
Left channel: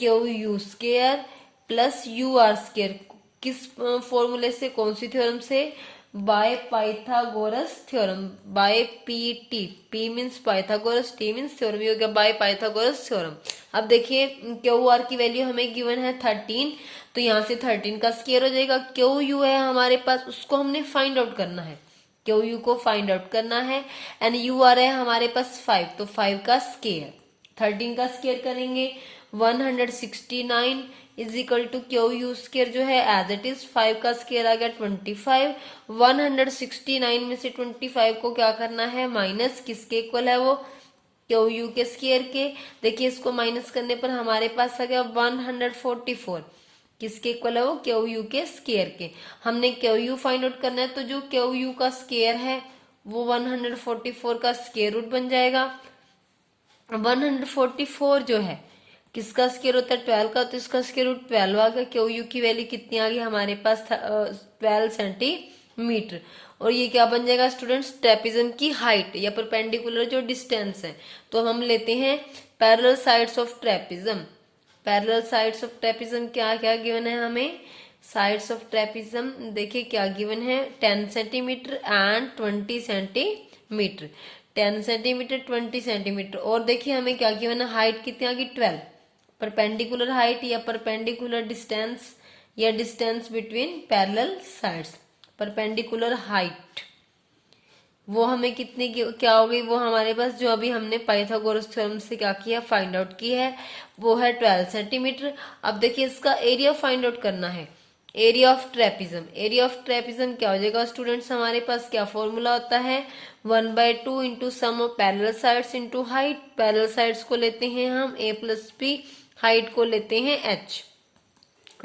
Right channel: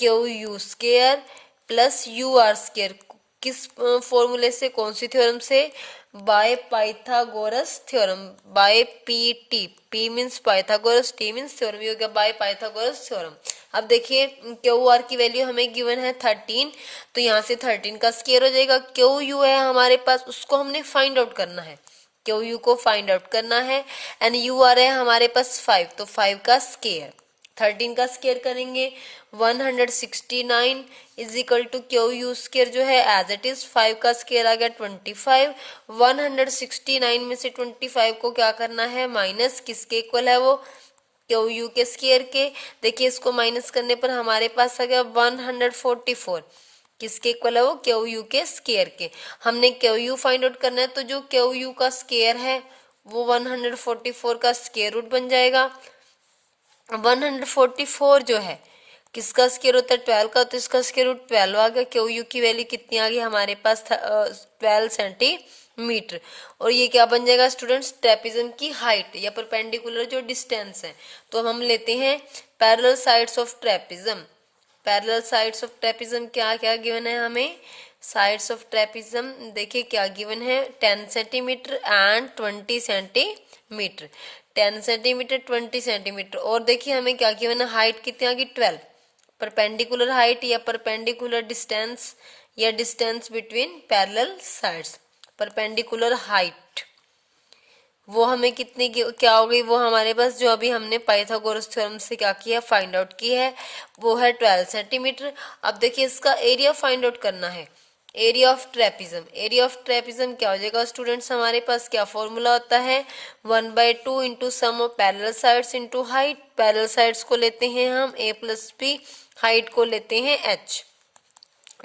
QU square plus UR square, किस फॉर्मूले से, कौन सी थ्योरम से, by Pythagoras theorem, by PT, P means Pythagoras, T means theorem, हो गया बाय पाइथागोरस थ्योरम। अब देखिए QR की वैल्यू हमें गिवन है 13, तो यहाँ से 13 का स्क्वायर हो जाएगा। QU है हमारे पास, उसको हमने फाइंड आउट करना है, QU को फाइंड आउट करना है, एंड UR है हमारे पास 5, तो 5 का स्क्वायर, 13 का स्क्वायर करेंगे 169 is equal to QU square जो है एज इट इज, 5 का स्क्वायर आ गया 25, 169 में से 25 को क्या करना है माइनस, किसके इक्वल है वो QU के स्क्वायर के। देखिए इसको माइनस करने पर हमारे पास आ गया 144, किसके इक्वल है वो QU के स्क्वायर के। हमने QU फाइंड आउट करना है, तो जो QU का स्क्वायर है वो 144 का स्क्वायर रूट बन जाएगा। 144 जो है किसका स्क्वायर होता है 12 का, तो इसका स्क्वायर रूट 12 आ गया। क्यू यू की वैल्यू कितनी आ गई हमारे पास 12 सेंटीमीटर। और ये क्या बन जाएगा स्टूडेंट्स, ट्रेपेजियम की हाइट या परपेंडिकुलर जो डिस्टेंस है। तो हम लेते हैं parallel sides of trapezium. Parallel sides of trapezium क्या क्या गिवन है हमें, साइड्स ऑफ ट्रेपेजियम देखिए क्या गिवन है 10 centimetre and 20 centimetre. 10 centimetre 20 centimetre. और देखिए हमें क्या गिवन है, हाइट कितनी आ गई 12। परपेंडिकुलर हाइट या परपेंडिकुलर डिस्टेंस या distance between parallel sides, perpendicular height वो हमें कितनी क्या हो गई, वो हमारे पास जो अभी हमने पाइथागोरस थ्योरम से क्या किया फाइंड आउट की है वो है 12 सेंटीमीटर। अब देखिए इसका एरिया फाइंड आउट करना है, area of trapezium. Area of trapezium क्या हो जाएगा स्टूडेंट्स, हमारे पास क्या फॉर्मूला होता है 1/2 into sum of parallel sides into height. Parallel sides को लेते हैं हम a+b, हाइट को लेते हैं h।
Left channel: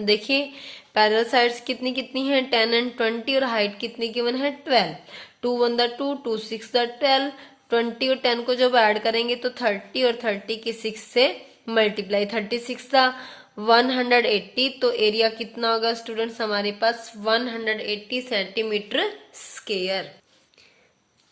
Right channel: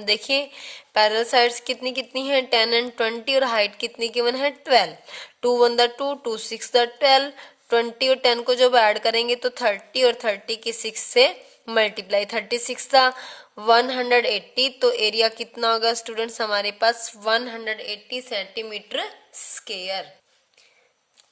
देखिए पैरेलल साइड्स कितनी कितनी है 10 एंड 20 और हाइट कितनी गिवन है 12। 2 1 द 2, 2 6 द 12, 20 और 10 को जब ऐड करेंगे तो 30 और 30 की 6 से मल्टीप्लाई, 36 था 180। तो एरिया कितना होगा स्टूडेंट्स हमारे पास 180 centimetre square.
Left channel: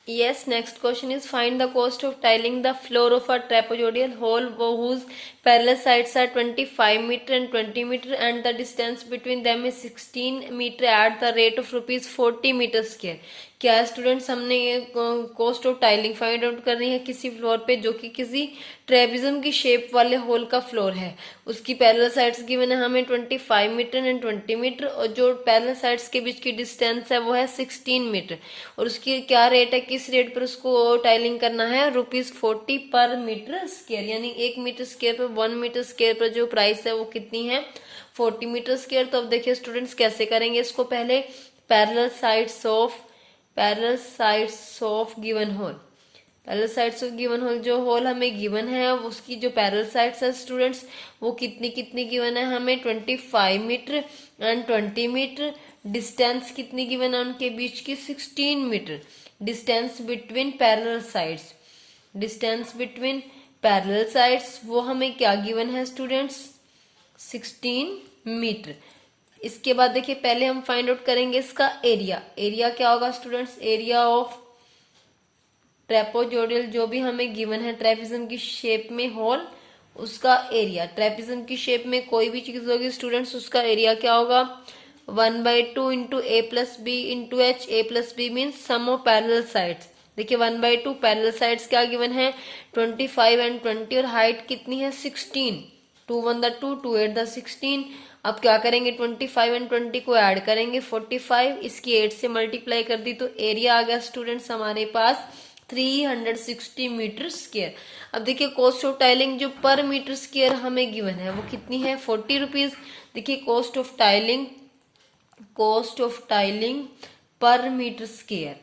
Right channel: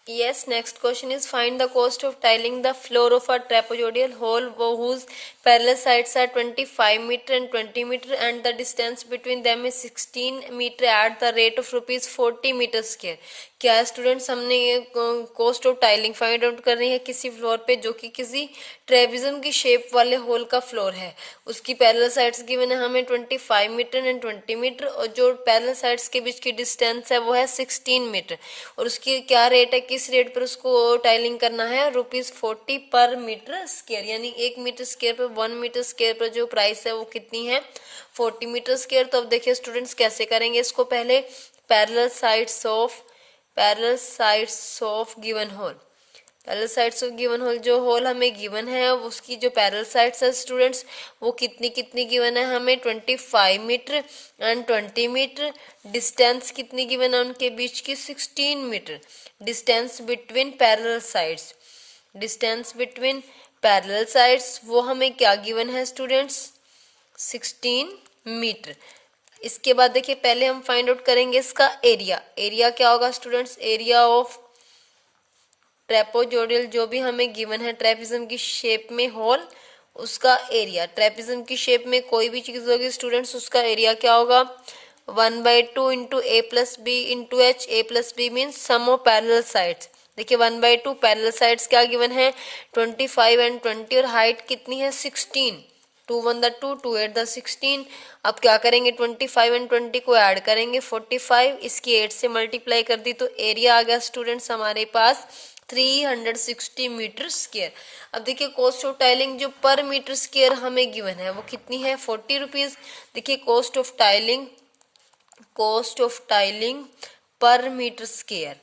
Yes, next question is find the cost of tiling the floor of a trapezoidal hole whose parallel sides are 25 meter and 20 meter and the distance between them is 16 meter at the rate of rupees 40 meter square। क्या स्टूडेंट्स हमने ये cost of tiling find out कर रही है किसी फ्लोर पे जो कि किसी ट्रेपेजियम की शेप वाले होल का फ्लोर है। उसकी पैरेलल साइड्स गिवन है हमें 25 मीटर एंड 20 मीटर और जो पैरेलल साइड्स के बीच की डिस्टेंस है वो है 16 मीटर। और उसकी क्या रेट है, किस रेट पर उसको टाइलिंग करना है, ₹40 पर मीटर स्क्वायर। यानी 1 मीटर स्क्वायर पर 1 मीटर स्क्वायर पर जो प्राइस है वो कितनी है 40 मीटर स्क्वायर। तो अब देखिए स्टूडेंट्स कैसे करेंगे इसको, पहले parallel sides of given hole, parallel sides of given hole जो होल हमें गिवन है उसकी जो पैरेलल साइड्स है स्टूडेंट्स वो कितनी कितनी गिवन है हमें 25 मीटर एंड 20 मीटर। डिस्टेंस कितनी गिवन है उनके बीच की 16 metre. Distance between parallel sides, distance between parallel sides वो हमें क्या गिवन है स्टूडेंट्स 16 मीटर। इसके बाद देखिए पहले हम फाइंड आउट करेंगे इसका एरिया। एरिया क्या होगा स्टूडेंट्स, एरिया ऑफ ट्रेपेजोइडल जो भी हमें गिवन है ट्रेपेजियम की शेप में होल उसका एरिया। ट्रेपेजियम की शेप में कोई भी चीज होगी स्टूडेंट्स उसका एरिया क्या होगा 1/2 into a+b into h। a+b means sum of parallel sides. देखिए 1/2 पैरेलल साइड्स क्या गिवन है 25 एंड 20 और हाइट कितनी है 16। 2 1 द 2, 2 8 द 16। अब क्या करेंगे 25 एंड 20 को ऐड करेंगे 45, इसकी 8 से मल्टीप्लाई कर दी तो एरिया आ गया स्टूडेंट्स हमारे पास 360 मीटर स्क्वायर। अब देखिए कॉस्ट ऑफ टाइलिंग जो पर मीटर स्क्वायर हमें गिवन है वो कितनी है 40 रुपीज। देखिए कॉस्ट ऑफ टाइलिंग पर मीटर स्क्वायर,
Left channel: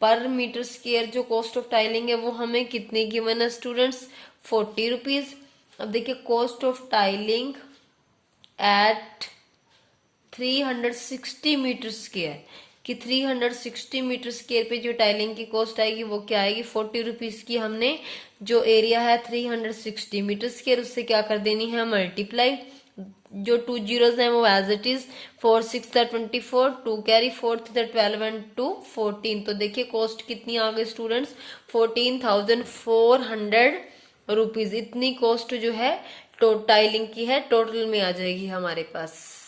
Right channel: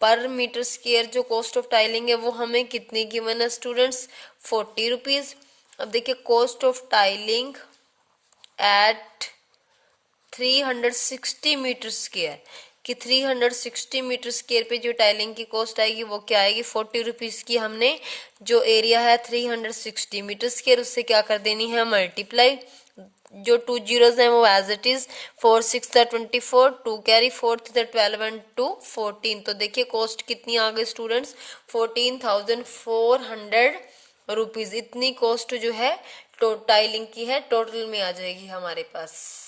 पर मीटर स्क्वायर जो कॉस्ट ऑफ टाइलिंग है वो हमें कितनी गिवन है स्टूडेंट्स 40 रुपीज। अब देखिए cost of tiling at 360 metre square कि 360 मीटर स्क्वायर पे जो टाइलिंग की कॉस्ट आएगी वो क्या आएगी 40 रुपीज की। हमने जो एरिया है 360 मीटर स्क्वायर उससे क्या कर देनी है मल्टीप्लाई। जो 2 जीरोज हैं वो as it is 4 6 24, 2 carry 4 12 and 2 14। तो देखिए कॉस्ट कितनी आ गई स्टूडेंट्स 14,400 रुपीज। इतनी कॉस्ट जो है टाइलिंग की है टोटल में आ जाएगी हमारे पास।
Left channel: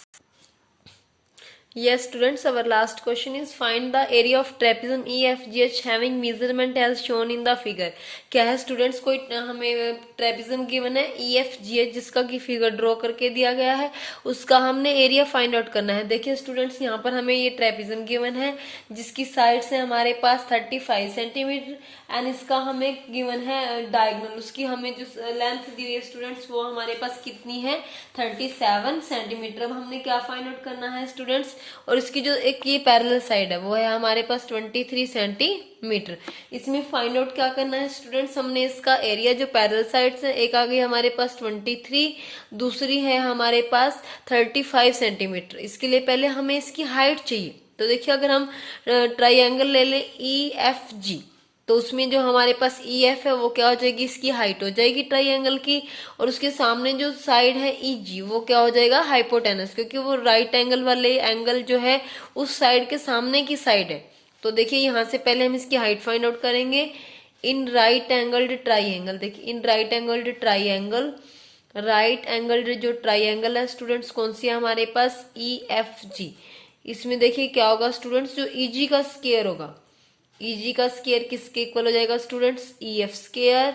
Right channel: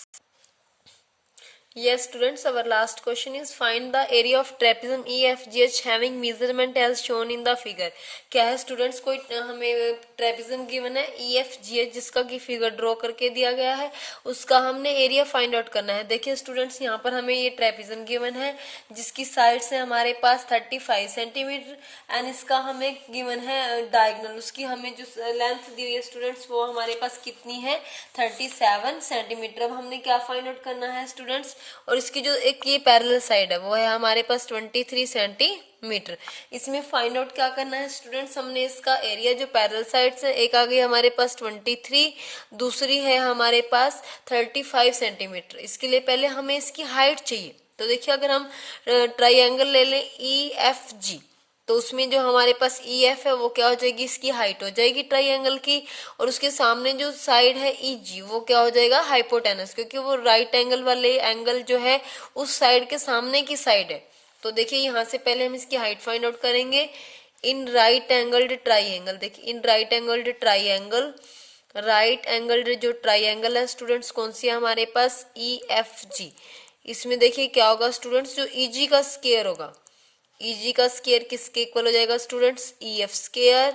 Yes students, our last question is find the area of trapezium EFGH having measurement as shown in the figure। क्या है स्टूडेंट्स, कोई हमें ट्रेपेजियम गिवन है EFGH जिसका की फिगर ड्रॉ करके दिया गया है उसका हमने एरिया फाइंड आउट करना है। देखिए स्टूडेंट्स यहाँ पर हमें ये ट्रेपेजियम गिवन है जिसकी साइड से हमारे पास 35 सेंटीमीटर एंड इसका हमें गिवन है डायगोनल, उसकी हमें जो लेंथ दी हुई है स्टूडेंट्स वो हमारे पास कितनी है 37 सेंटीमीटर। अब हमने क्या फाइंड आउट करना है स्टूडेंट्स, और इसकी जो एक ये पैरेलल साइड है वो है हमारे पास 23 सेंटीमीटर। इसमें फाइंड आउट क्या करना है स्टूडेंट्स, हमने इसका एरिया जो पैरेलल साइड्स है एक आ गई हमारे पास 23, दूसरी है हमारे पास 35 सेंटीमीटर। इसके लिए पहले हमें इसकी हाइट चाहिए। तो देखिए अगर हम ट्राइंगल ले लें EFG तो उसमें जो हमारे पास ई एफ है वो क्या हो जाएगी, इसकी हाइट हो जाएगी ट्राइंगल की, और उसके सामने जो साइड है ई जी वो क्या हो जाएगा, हाइपोटेनस, क्योंकि वो राइट एंगल वाले एंगल जो है उस साइड के सामने की साइड है। तो देखिए यहाँ से पहले हम इसकी हाइट फाइंड आउट करेंगे। इन राइट एंगल्ड ट्राइंगल, देखिए in right angled triangle, right angled जो ट्राइंगल है स्टूडेंट्स कौन सी है हमारे पास, ई एफ जी। इसमें देखिए क्या होगा स्टूडेंट्स, जो ई जी का स्क्वायर होगा, ई जी का स्क्वायर किसके इक्वल हो जाएगा स्टूडेंट्स, ई एफ स्क्वायर,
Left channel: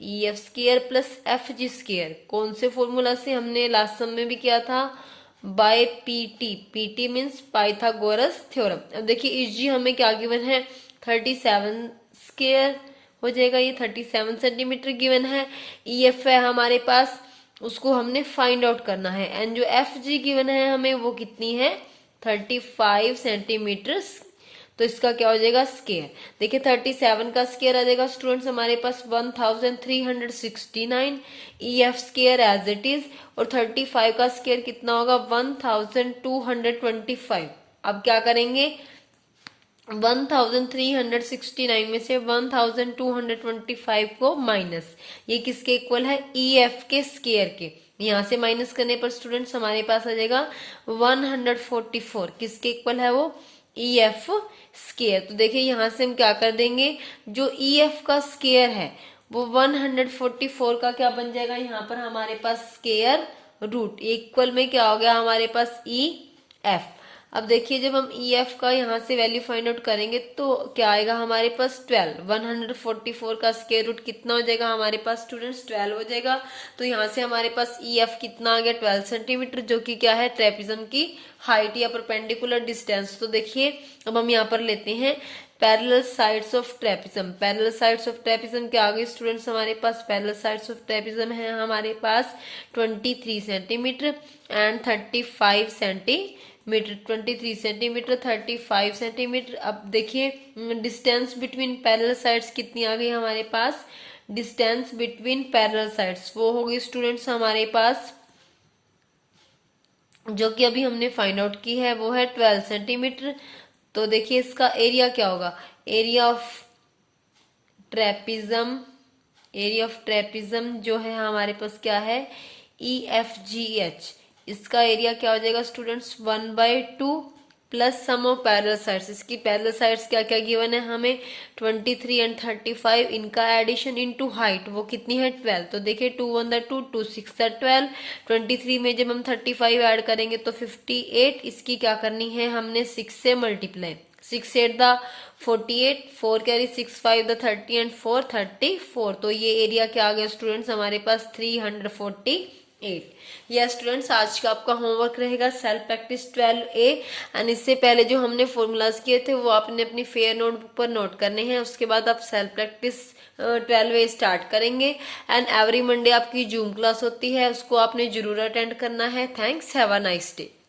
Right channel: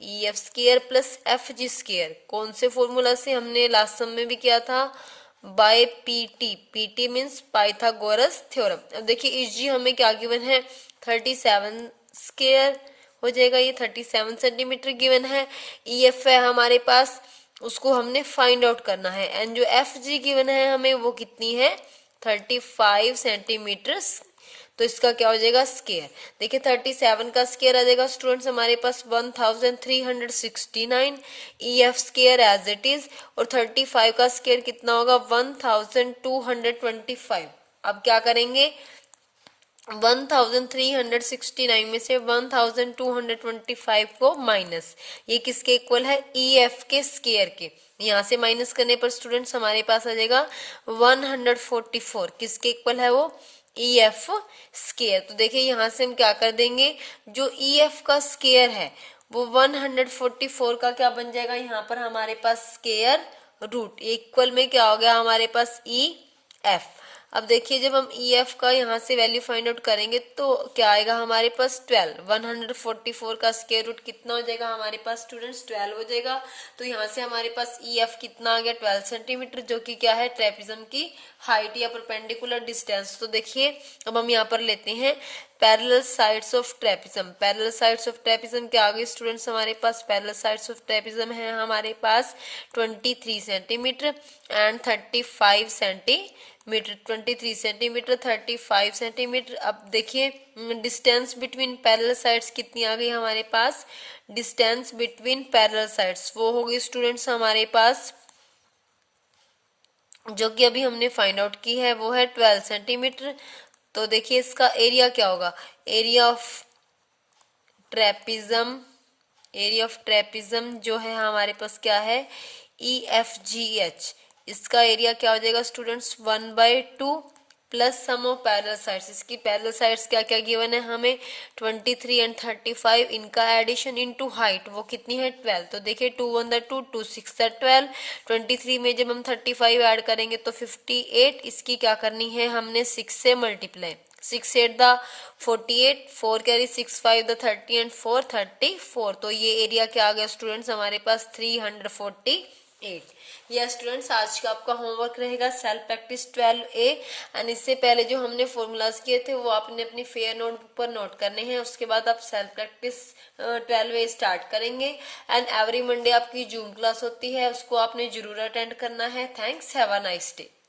ई F square plus F G square. कौन से फॉर्मूला से, हमने लास्ट सम में भी किया था, by PT, PT means Pythagoras theorem. अब देखिए ई जी हमें क्या गिवन है, 37 स्क्वायर हो जाएगा, ये 37 सेंटीमीटर गिवन है। ई एफ है हमारे पास, उसको हमने फाइंड आउट करना है, एंड जो एफ जी गिवन है हमें वो कितनी है, 35 सेंटीमीटर। तो इसका क्या हो जाएगा, स्क्वायर। देखिए 37 का स्क्वायर आ जाएगा स्टूडेंट्स हमारे पास 1369, E F square as it is, और 35 का स्क्वायर कितना होगा, 1225। अब क्या करेंगे, 1369 में से 1225 को माइनस, ये किसके इक्वल है, ई एफ के स्क्वायर के। यहाँ से माइनस करने पर स्टूडेंट्स हमारे पास आ जाएगा 144, किसके इक्वल है वो, ई एफ स्क्वायर। तो देखिए यहाँ से हम क्या कर देंगे, जो ई एफ का स्क्वायर है वो 144 का क्या बन जाएगा, यहाँ पर हमारे पास स्क्वायर रूट, इक्वल में क्या हो गया हमारे पास, ई एफ। अब देखिए जब हम ई एफ का यहाँ से वैल्यू फाइंड आउट करेंगे तो क्या आएगा हमारे पास 12, 144 का स्क्वायर रूट कितना हो जाएगा हमारे पास स्टूडेंट्स, 12 हो जाएगा। तो यहाँ से हमारे पास ई एफ कितना आ गया, 12 सेंटीमीटर, जो कि क्या है, ट्रेपिज्म की हाइट या परपेंडिकुलर डिस्टेंस। तो देखिए अब हम यहाँ पर लेते हैं parallel sides of trapezium. Parallel sides of trapezium क्या आ गई स्टूडेंट्स हमारे पास, पैरेलल साइड्स ऑफ ट्रेपिज्म है हमारे पास 23 centimetre and 35 centimetre, 23 centimetre 35 centimetre. अब देखिए डिस्टेंस बिटवीन पैरेलल साइड्स कितनी आ गई हमारे पास, डिस्टेंस बिटवीन पैरेलल साइड्स वो होगी स्टूडेंट्स हमारे पास, जो कि अभी हमने फाइंड आउट की है, वो है 12 सेंटीमीटर। तो देखिए इसका एरिया क्या होगा, area of trapezium, area of trapezium जो है हमारे पास क्या है, ई एफ जी एच, इसका एरिया क्या हो जाएगा students, 1/2 plus sum of parallel sides. इसकी पैरेलल साइड्स क्या क्या गिवन है हमें, 23 एंड 35, इनका एडिशन इनटू हाइट वो कितनी है, 12। तो देखिए 2 1 2, 2 6 12, 23 में जब हम 35 ऐड करेंगे तो 58, इसकी क्या करनी है हमने 6 से multiply, 6 8 the 48, 4 carry 6 5 the 30 and 4 34। तो ये एरिया क्या आ गया स्टूडेंट्स हमारे पास 348। यह स्टूडेंट्स आज का आपका होमवर्क रहेगा सेल्फ प्रैक्टिस 12A, एंड इससे पहले जो हमने फॉर्मूलाज किए थे वो आपने अपनी फेयर नोटबुक पर नोट करने हैं। उसके बाद आप सेल्फ प्रैक्टिस 12A स्टार्ट करेंगे, एंड एवरी मंडे आपकी जूम क्लास होती है, उसको आपने जरूर अटेंड करना है। Thanks, have a nice day.